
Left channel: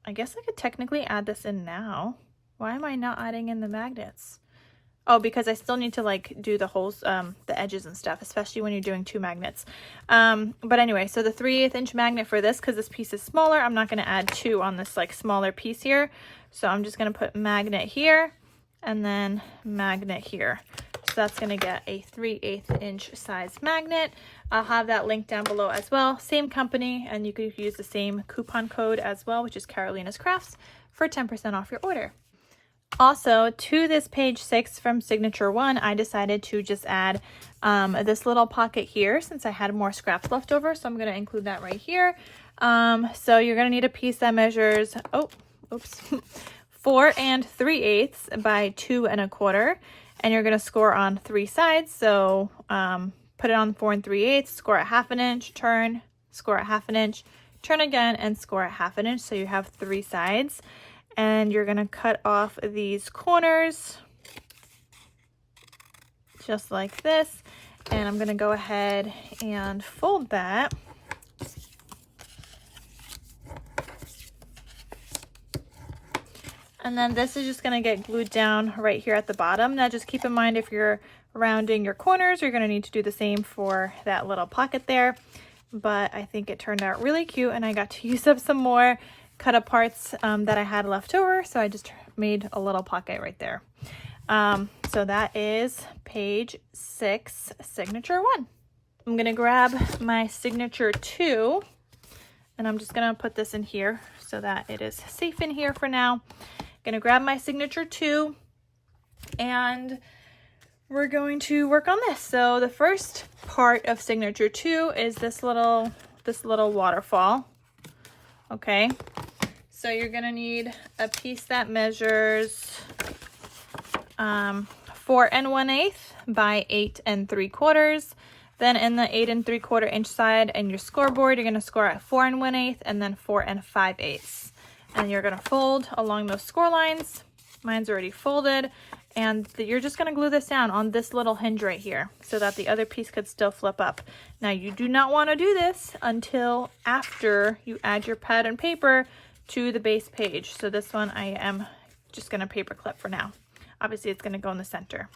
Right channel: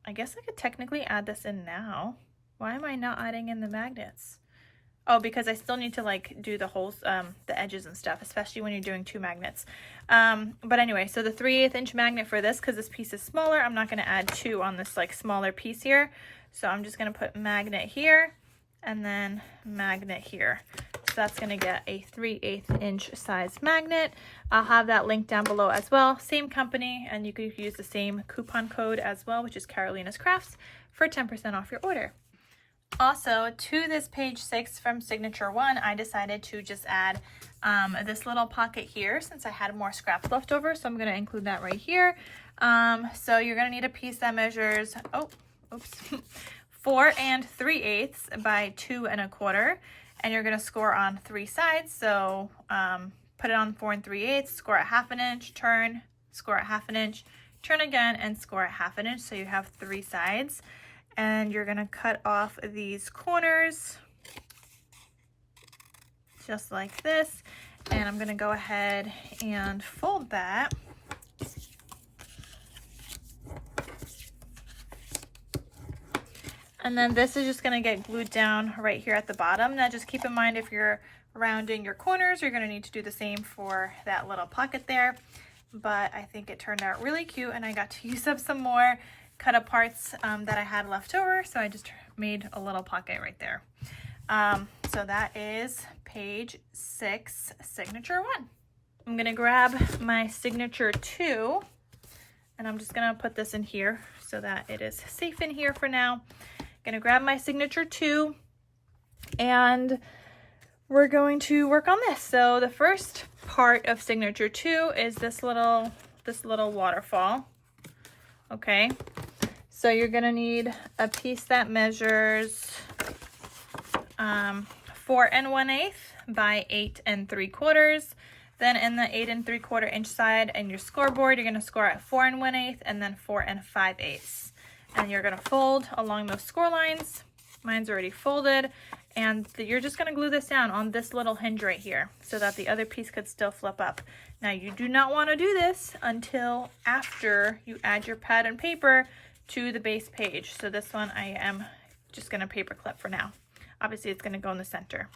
I guess I could technically add this in now. Why am I not adding in the magnets? Oh, because I still need to like do the holes, the edges and stuff, especially when you're doing 2 magnets. But anyway, so the 3/8 inch magnet for this, because this piece is smaller, I'm not going to add 2 on this like smaller piece here. So I'm just going to put magnet here and then magnet here. So that's going to get a 3/8 inch size magnet. I'll have that link down below as well. Same company, and you could use the same coupon code as well, which is KarolinasKrafts, for 10% off your order. Also, to this page 6 from signature 1, I decided to just add this little pocket here since I had more scraps left over. So I'm going to include that right here. So you're going to need a piece that measures, 4 3/8 by 2 1/4. And you're going to score on 3 sides. So put it on 4 3/8, score at 1/2 inch, turn, score at 1/2 inch, turn again, and score at 1/2 inch. So you have 3 sides. And you're going to cut off these corners just like this. And I'm going to go ahead and fold that. And then this is just going to get glued down right here at the bottom. Now just keep in mind, if you're rounding your corners. You're gonna need to do the same for that little pocket there. But I think it turned out really cute, and I got to use up some more cut aparts that I had left over. So I just made a little pocket right there. So that is page 6, signature 1. I'm gonna grab my signature 2, and I'm just gonna put this in here so that it is safe in here for now. Gonna grab my signature 2, and we're going to work on this. So the first part of signature 2 is this little waterfall. Okay, so you're gonna need a piece that measures 4 1/8 by 8 3/4. Then in the 8 3/4 inch side and your scoreboard, you're gonna score at 4 1/8 and then 4 5/8. And you're gonna fold along those score lines. Mine's already folded, and you're just gonna glue this down on this little hinge right here so that the other piece could still flip up. Now you do not wanna do this until after you add your pad and paper to the base page. So this one I am just gonna paper clip for now. Obviously it's gonna go in the center.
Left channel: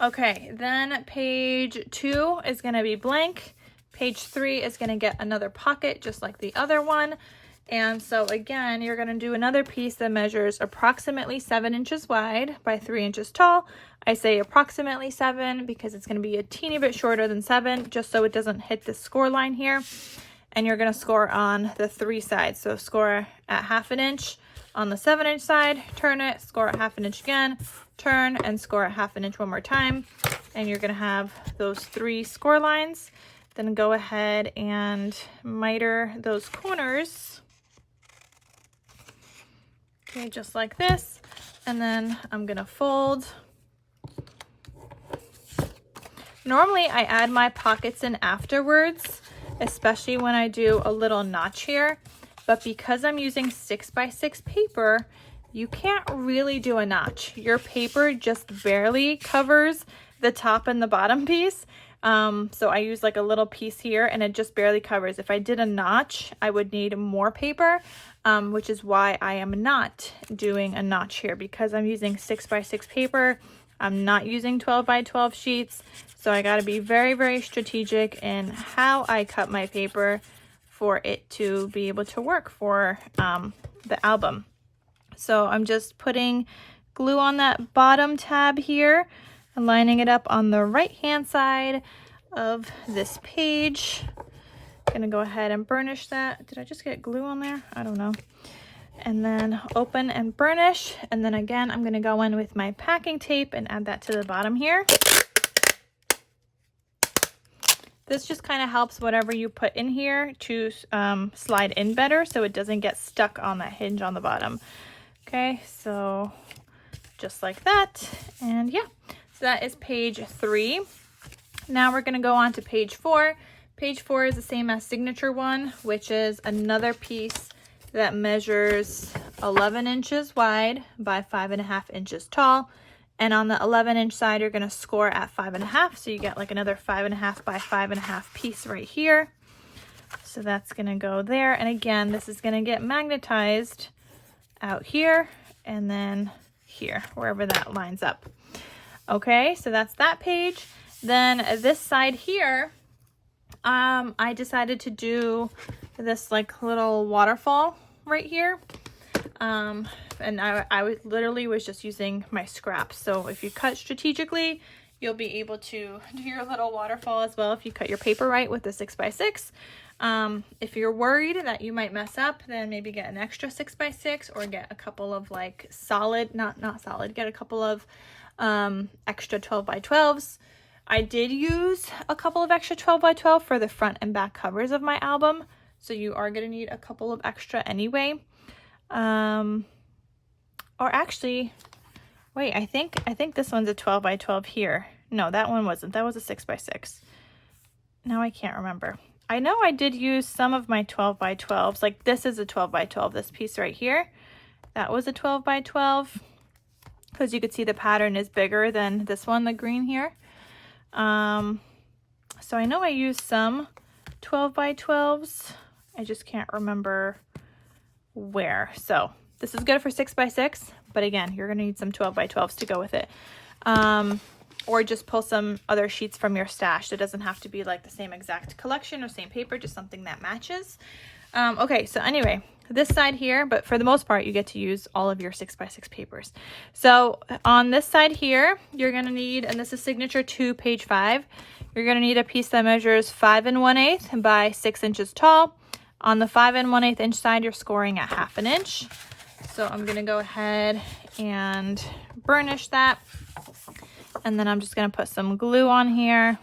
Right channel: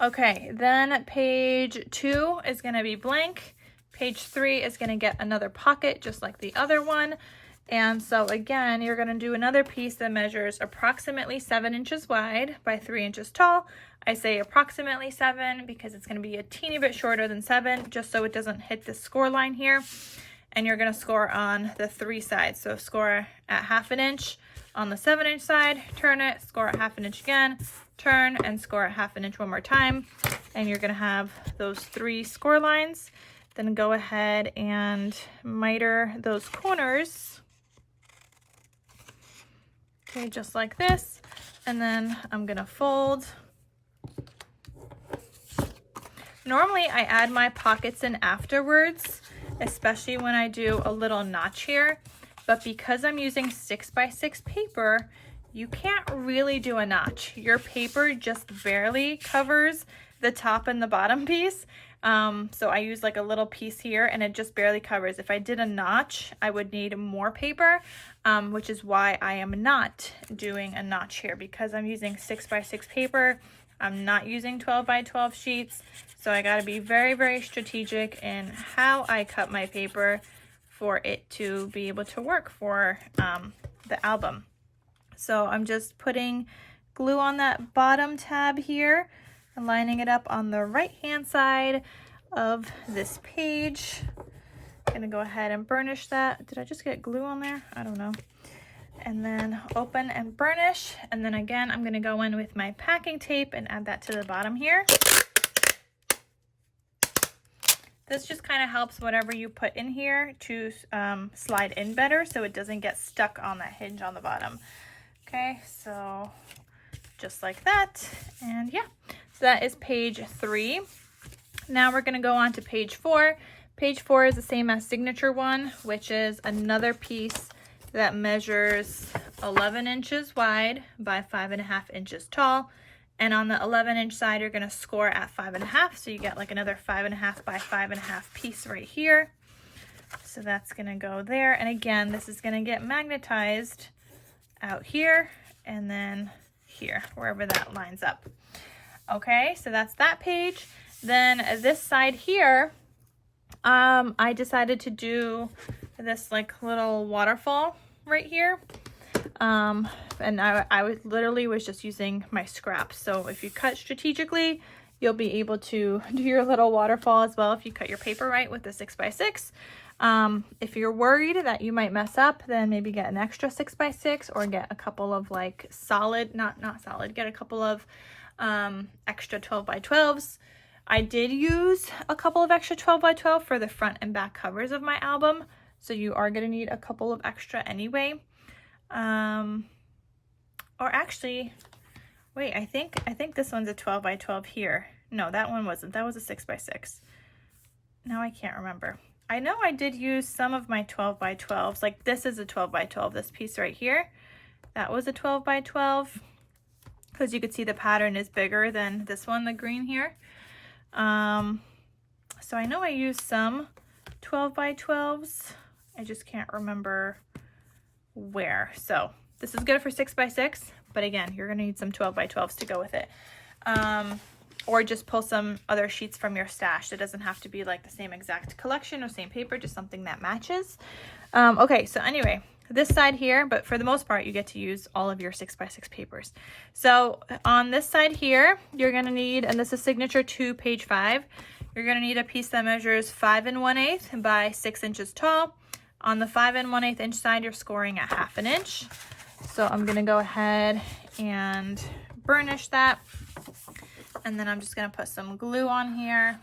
Okay, then page 2 is gonna be blank. Page 3 is gonna get another pocket just like the other one. And so again, you're gonna do another piece that measures approximately 7 inches wide by 3 inches tall. I say approximately 7 because it's gonna be a teeny bit shorter than 7, just so it doesn't hit the score line here. And you're gonna score on the 3 sides. So score at 1/2 inch on the 7 inch side, turn it, score at 1/2 inch again, turn, and score at 1/2 inch one more time. And you're gonna have those 3 score lines. Then go ahead and miter those corners. Okay, just like this. And then I'm gonna fold. Normally I add my pockets in afterwards, especially when I do a little notch here. But because I'm using 6x6 paper, you can't really do a notch. Your paper just barely covers the top and the bottom piece. So I use like a little piece here and it just barely covers. If I did a notch, I would need more paper, which is why I am not doing a notch here, because I'm using 6x6 paper. I'm not using 12x12 sheets. So I gotta be very, very strategic in how I cut my paper for it to be able to work for the album. So I'm just putting glue on that bottom tab here and lining it up on the right hand side of this page. Gonna go ahead and burnish that. Did I just get glue on there? I don't know. And then open and burnish. And then again, I'm gonna go in with my packing tape and add that to the bottom here. This just kind of helps whatever you put in here to slide in better so it doesn't get stuck on that hinge on the bottom. Okay, so just like that. And yeah, so that is page 3. Now we're going to go on to page 4. Page 4 is the same as signature 1, which is another piece that measures 11 inches wide by 5.5 inches tall. And on the 11 inch side, you're gonna score at 5.5. So you get like another 5.5 by 5.5 piece right here. So that's gonna go there. And again, this is gonna get magnetized out here and then here, wherever that lines up. Okay, so that's that page. Then this side here, I decided to do this like little waterfall right here. And I literally was just using my scraps. So if you cut strategically, you'll be able to do your little waterfall as well if you cut your paper right with the 6x6. If you're worried that you might mess up, then maybe get an extra 6x6 or get a couple of like solid, not solid, get a couple of extra 12x12s. I did use a couple of extra 12x12 for the front and back covers of my album. So you are going to need a couple of extra anyway. Or actually, wait, I think this one's a 12x12 here. No, that one wasn't. That was a 6x6. Now I can't remember. I know I did use some of my 12x12s. Like this is a 12x12, this piece right here. That was a 12x12. Because you could see the pattern is bigger than this one, the green here. So I know I used some 12x12s. I just can't remember where. So this is good for 6x6, but again, you're gonna need some 12x12s to go with it. or just pull some other sheets from your stash. It doesn't have to be like the same exact collection or same paper, just something that matches. Okay, so anyway, this side here, but for the most part, you get to use all of your 6x6 papers. So on this side here, you're gonna need, and this is signature 2, page 5, you're gonna need a piece that measures 5 1/8 by 6 inches tall. On the 5 1/8 inch side, you're scoring at 1/2 inch. So I'm gonna go ahead and burnish that. And then I'm just gonna put some glue on here.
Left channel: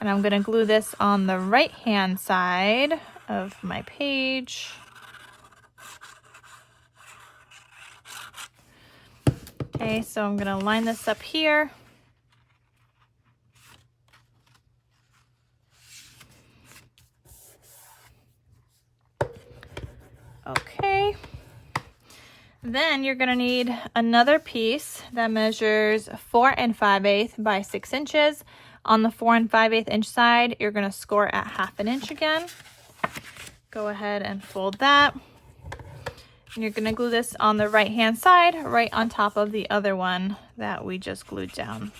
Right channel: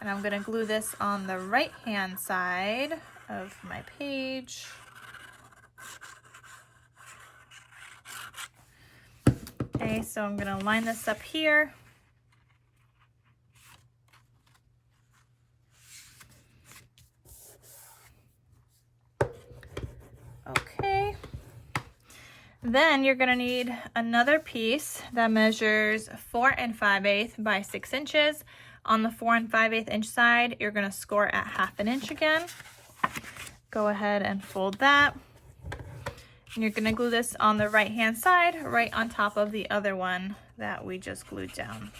And I'm gonna glue this on the right-hand side of my page. Okay, so I'm gonna line this up here. Okay. Then you're gonna need another piece that measures 4 5/8 by 6 inches. On the 4 5/8 inch side, you're gonna score at 1/2 inch again. Go ahead and fold that. And you're gonna glue this on the right-hand side, right on top of the other one that we just glued down.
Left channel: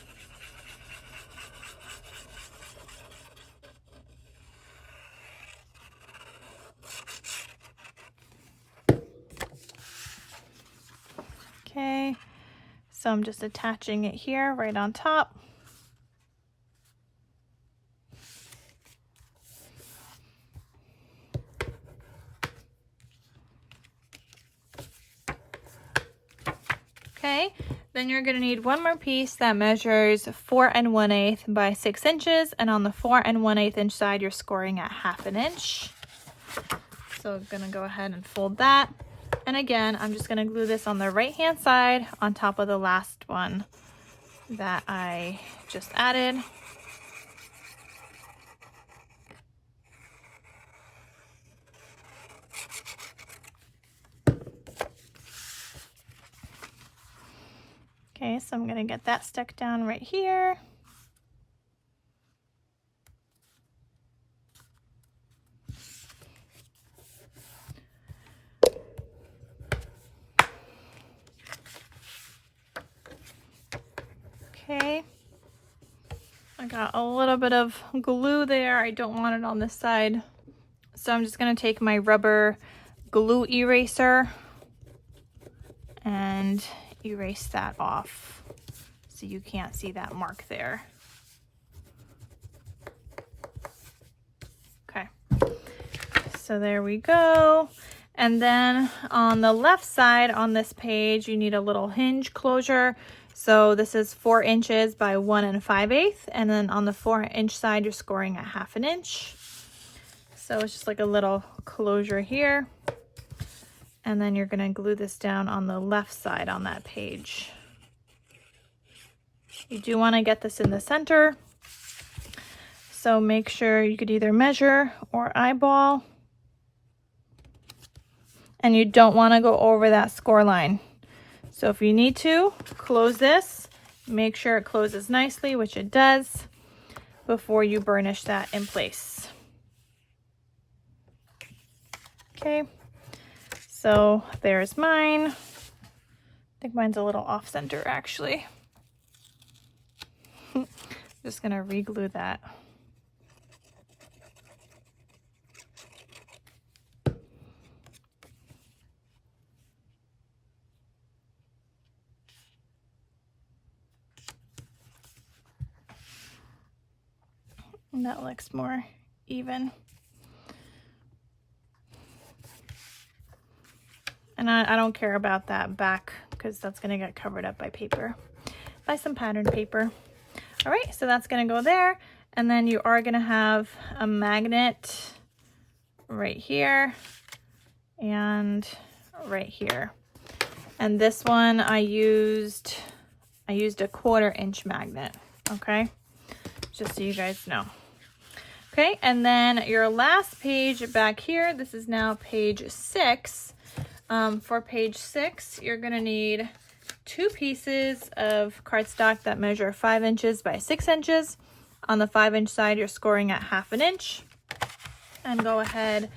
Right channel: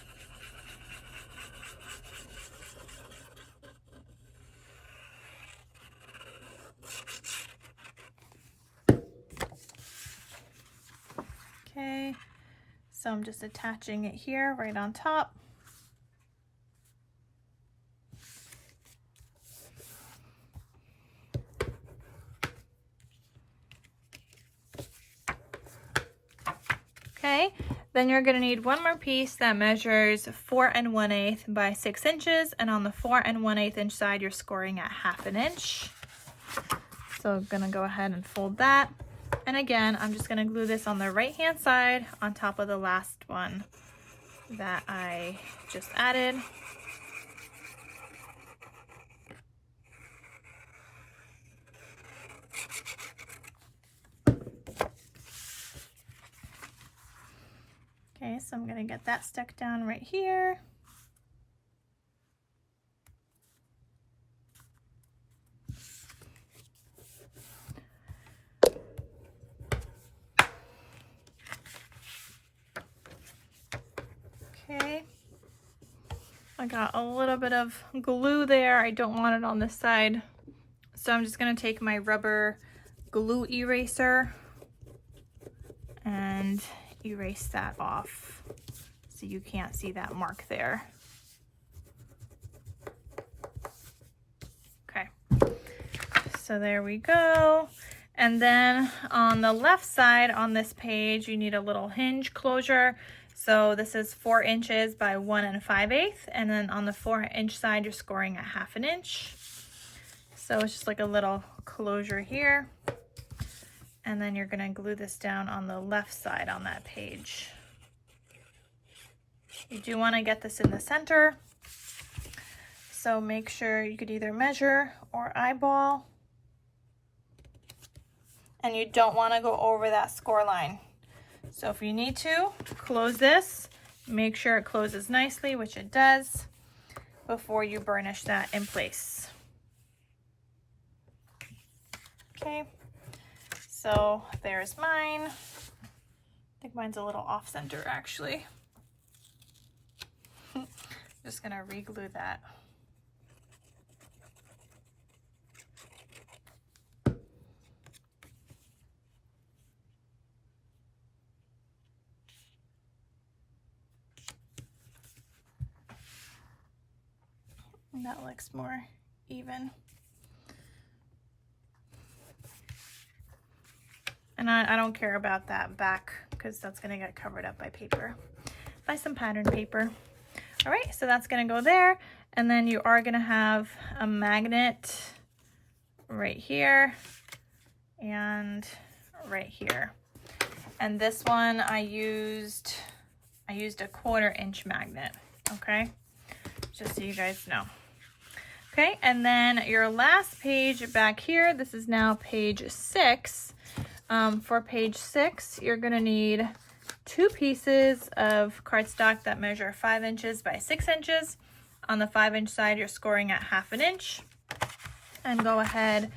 Okay, so I'm just attaching it here right on top. Okay, then you're going to need one more piece that measures 4 1/8 by 6 inches, and on the 4 1/8 inch side, you're scoring at 1/2 inch. So I'm going to go ahead and fold that. And again, I'm just going to glue this on the right-hand side on top of the last one that I just added. Okay, so I'm going to get that stuck down right here. Okay, I got a little bit of glue there. I don't want it on this side. So I'm just going to take my rubber glue eraser and erase that off so you can't see that mark there. Okay, so there we go. And then on the left side on this page, you need a little hinge closure. So this is 4 inches by 1 5/8, and then on the 4 inch side, you're scoring at 1/2 inch. So it's just like a little closure here. And then you're gonna glue this down on the left side on that page. You do wanna get this in the center. So make sure you could either measure or eyeball. And you don't wanna go over that score line. So if you need to, close this, make sure it closes nicely, which it does, before you burnish that in place. Okay, so there's mine. I think mine's a little off center actually. Just gonna re-glue that. And that looks more even. And I don't care about that back because that's gonna get covered up by paper, by some pattern paper. All right, so that's gonna go there. And then you are gonna have a magnet right here and right here. And this one I used a 1/4 inch magnet, okay? Just so you guys know. Okay, and then your last page back here, this is now page 6. For page 6, you're gonna need 2 pieces of cardstock that measure 5 inches by 6 inches. On the 5 inch side, you're scoring at 1/2 inch. And go ahead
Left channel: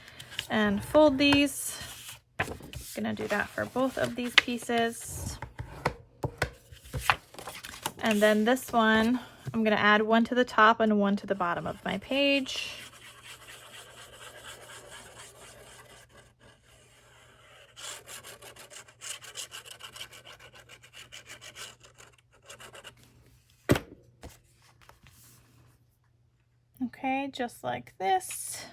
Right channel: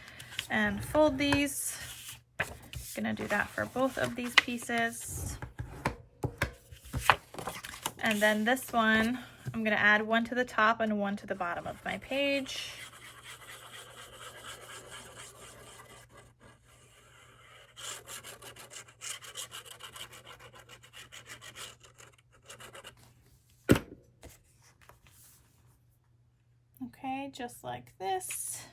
and fold these. Gonna do that for both of these pieces. And then this one, I'm gonna add one to the top and one to the bottom of my page. Okay, just like this.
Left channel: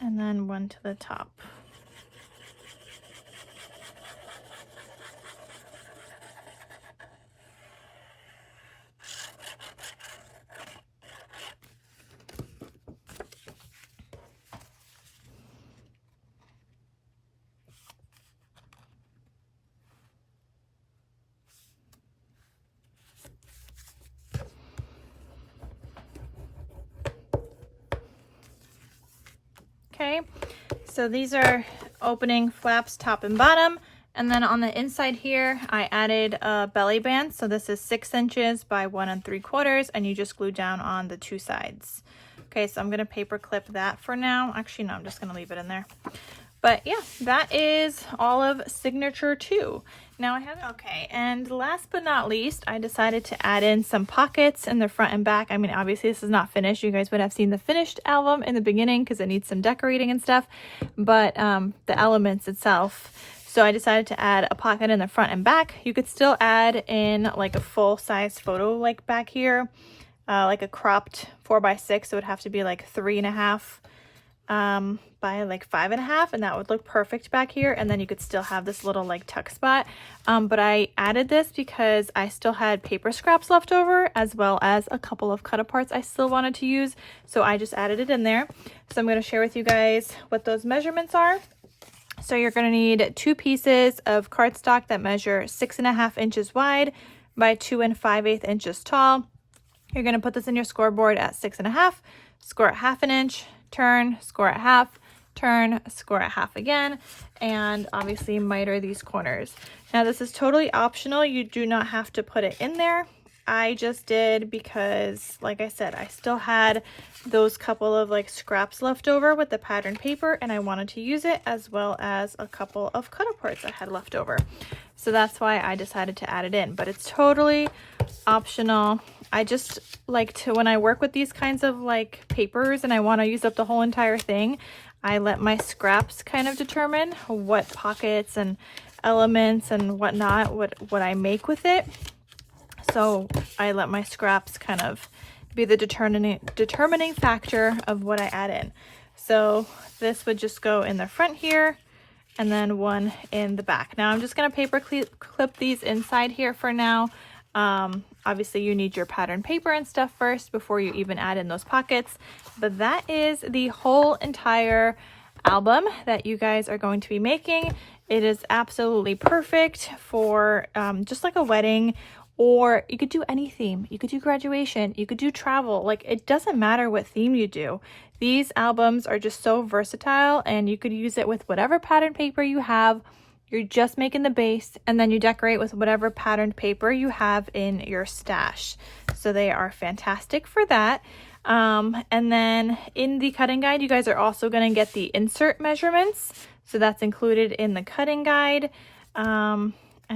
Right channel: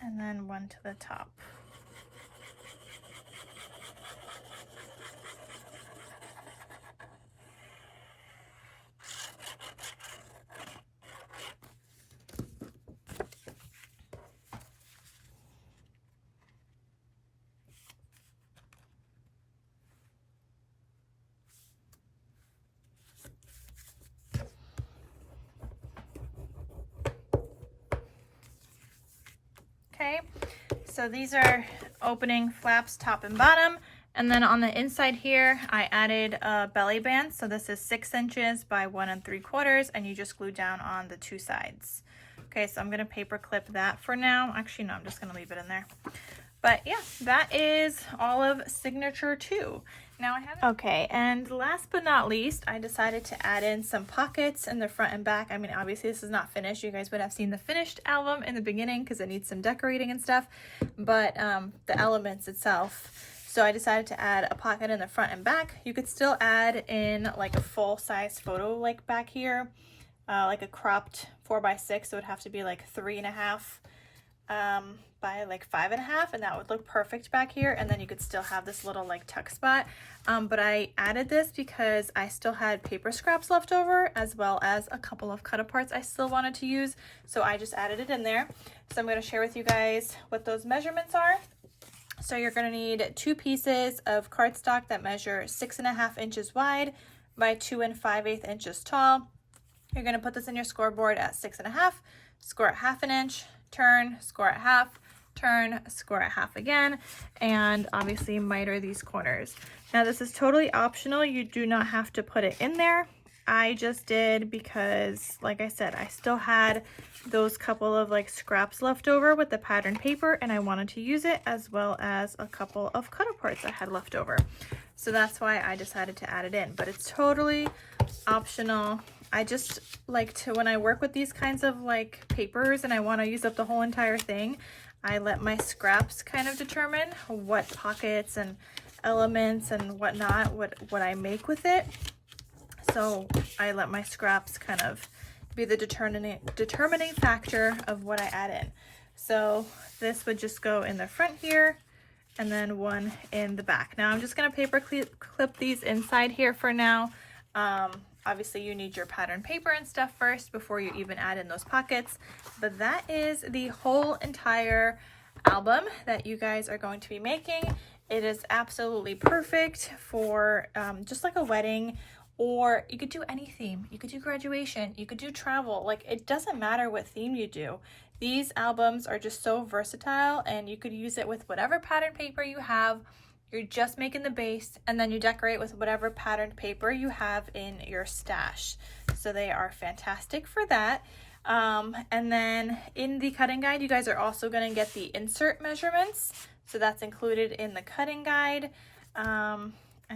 And then one to the top. Okay, so these are opening flaps top and bottom, and then on the inside here I added a belly band. So this is 6 inches by 1 3/4, and you just glue down on the 2 sides. Okay, so I'm gonna paper clip that for now. Actually, no, I'm just gonna leave it in there. But yeah, that is all of signature 2. Now I have, okay, and last but not least, I decided to add in some pockets in the front and back. I mean, obviously this is not finished. You guys would have seen the finished album in the beginning because it needs some decorating and stuff, but the elements itself. So I decided to add a pocket in the front and back. You could still add in like a full-size photo like back here, like a cropped 4x6. So it would have to be like 3.5 by like 5.5, and that would look perfect back here. And then you could still have this little like tuck spot, but I added this because I still had paper scraps left over, as well as a couple of cut aparts I still wanted to use, so I just added it in there. So I'm going to share with you guys what those measurements are. So you're going to need 2 pieces of cardstock that measure 6.5 inches wide by 2 5/8 inches tall. You're going to put this in your scoreboard at 6.5, score at 1/2 inch, turn, score at 1/2, turn, score at 1/2 again, and obviously miter these corners. Now this is totally optional. You do not have to put it in there. I just did because, like I said, I still had those couple of like scraps left over with the pattern paper, and I wanted to use it, as well as a couple of cut aparts I had left over. So that's why I decided to add it in, but it's totally optional. I just like to, when I work with these kinds of like papers and I want to use up the whole entire thing, I let my scraps kind of determine what pockets and elements and whatnot, what I make with it. So I let my scraps kind of be the determining factor of what I add in. So this would just go in the front here, and then one in the back. Now I'm just going to paper clip these inside here for now. Obviously you need your pattern paper and stuff first before you even add in those pockets, but that is the whole entire album that you guys are going to be making. It is absolutely perfect for just like a wedding, or you could do any theme. You could do graduation, you could do travel. Like, it doesn't matter what theme you do. These albums are just so versatile, and you could use it with whatever pattern paper you have. You're just making the base, and then you decorate with whatever patterned paper you have in your stash. So they are fantastic for that. And then in the cutting guide, you guys are also going to get the insert measurements. So that's included in the cutting guide. And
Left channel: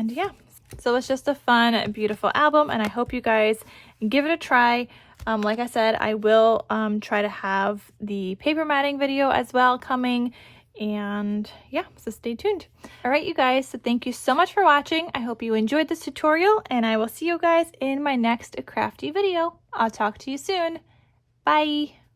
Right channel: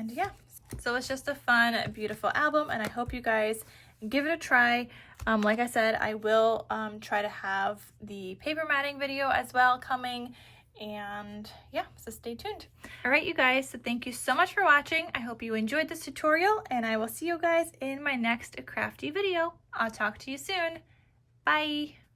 yeah, so it's just a fun, beautiful album, and I hope you guys give it a try. Like I said, I will try to have the paper matting video as well coming. And yeah, so stay tuned. All right, you guys, so thank you so much for watching. I hope you enjoyed this tutorial, and I will see you guys in my next crafty video. I'll talk to you soon. Bye.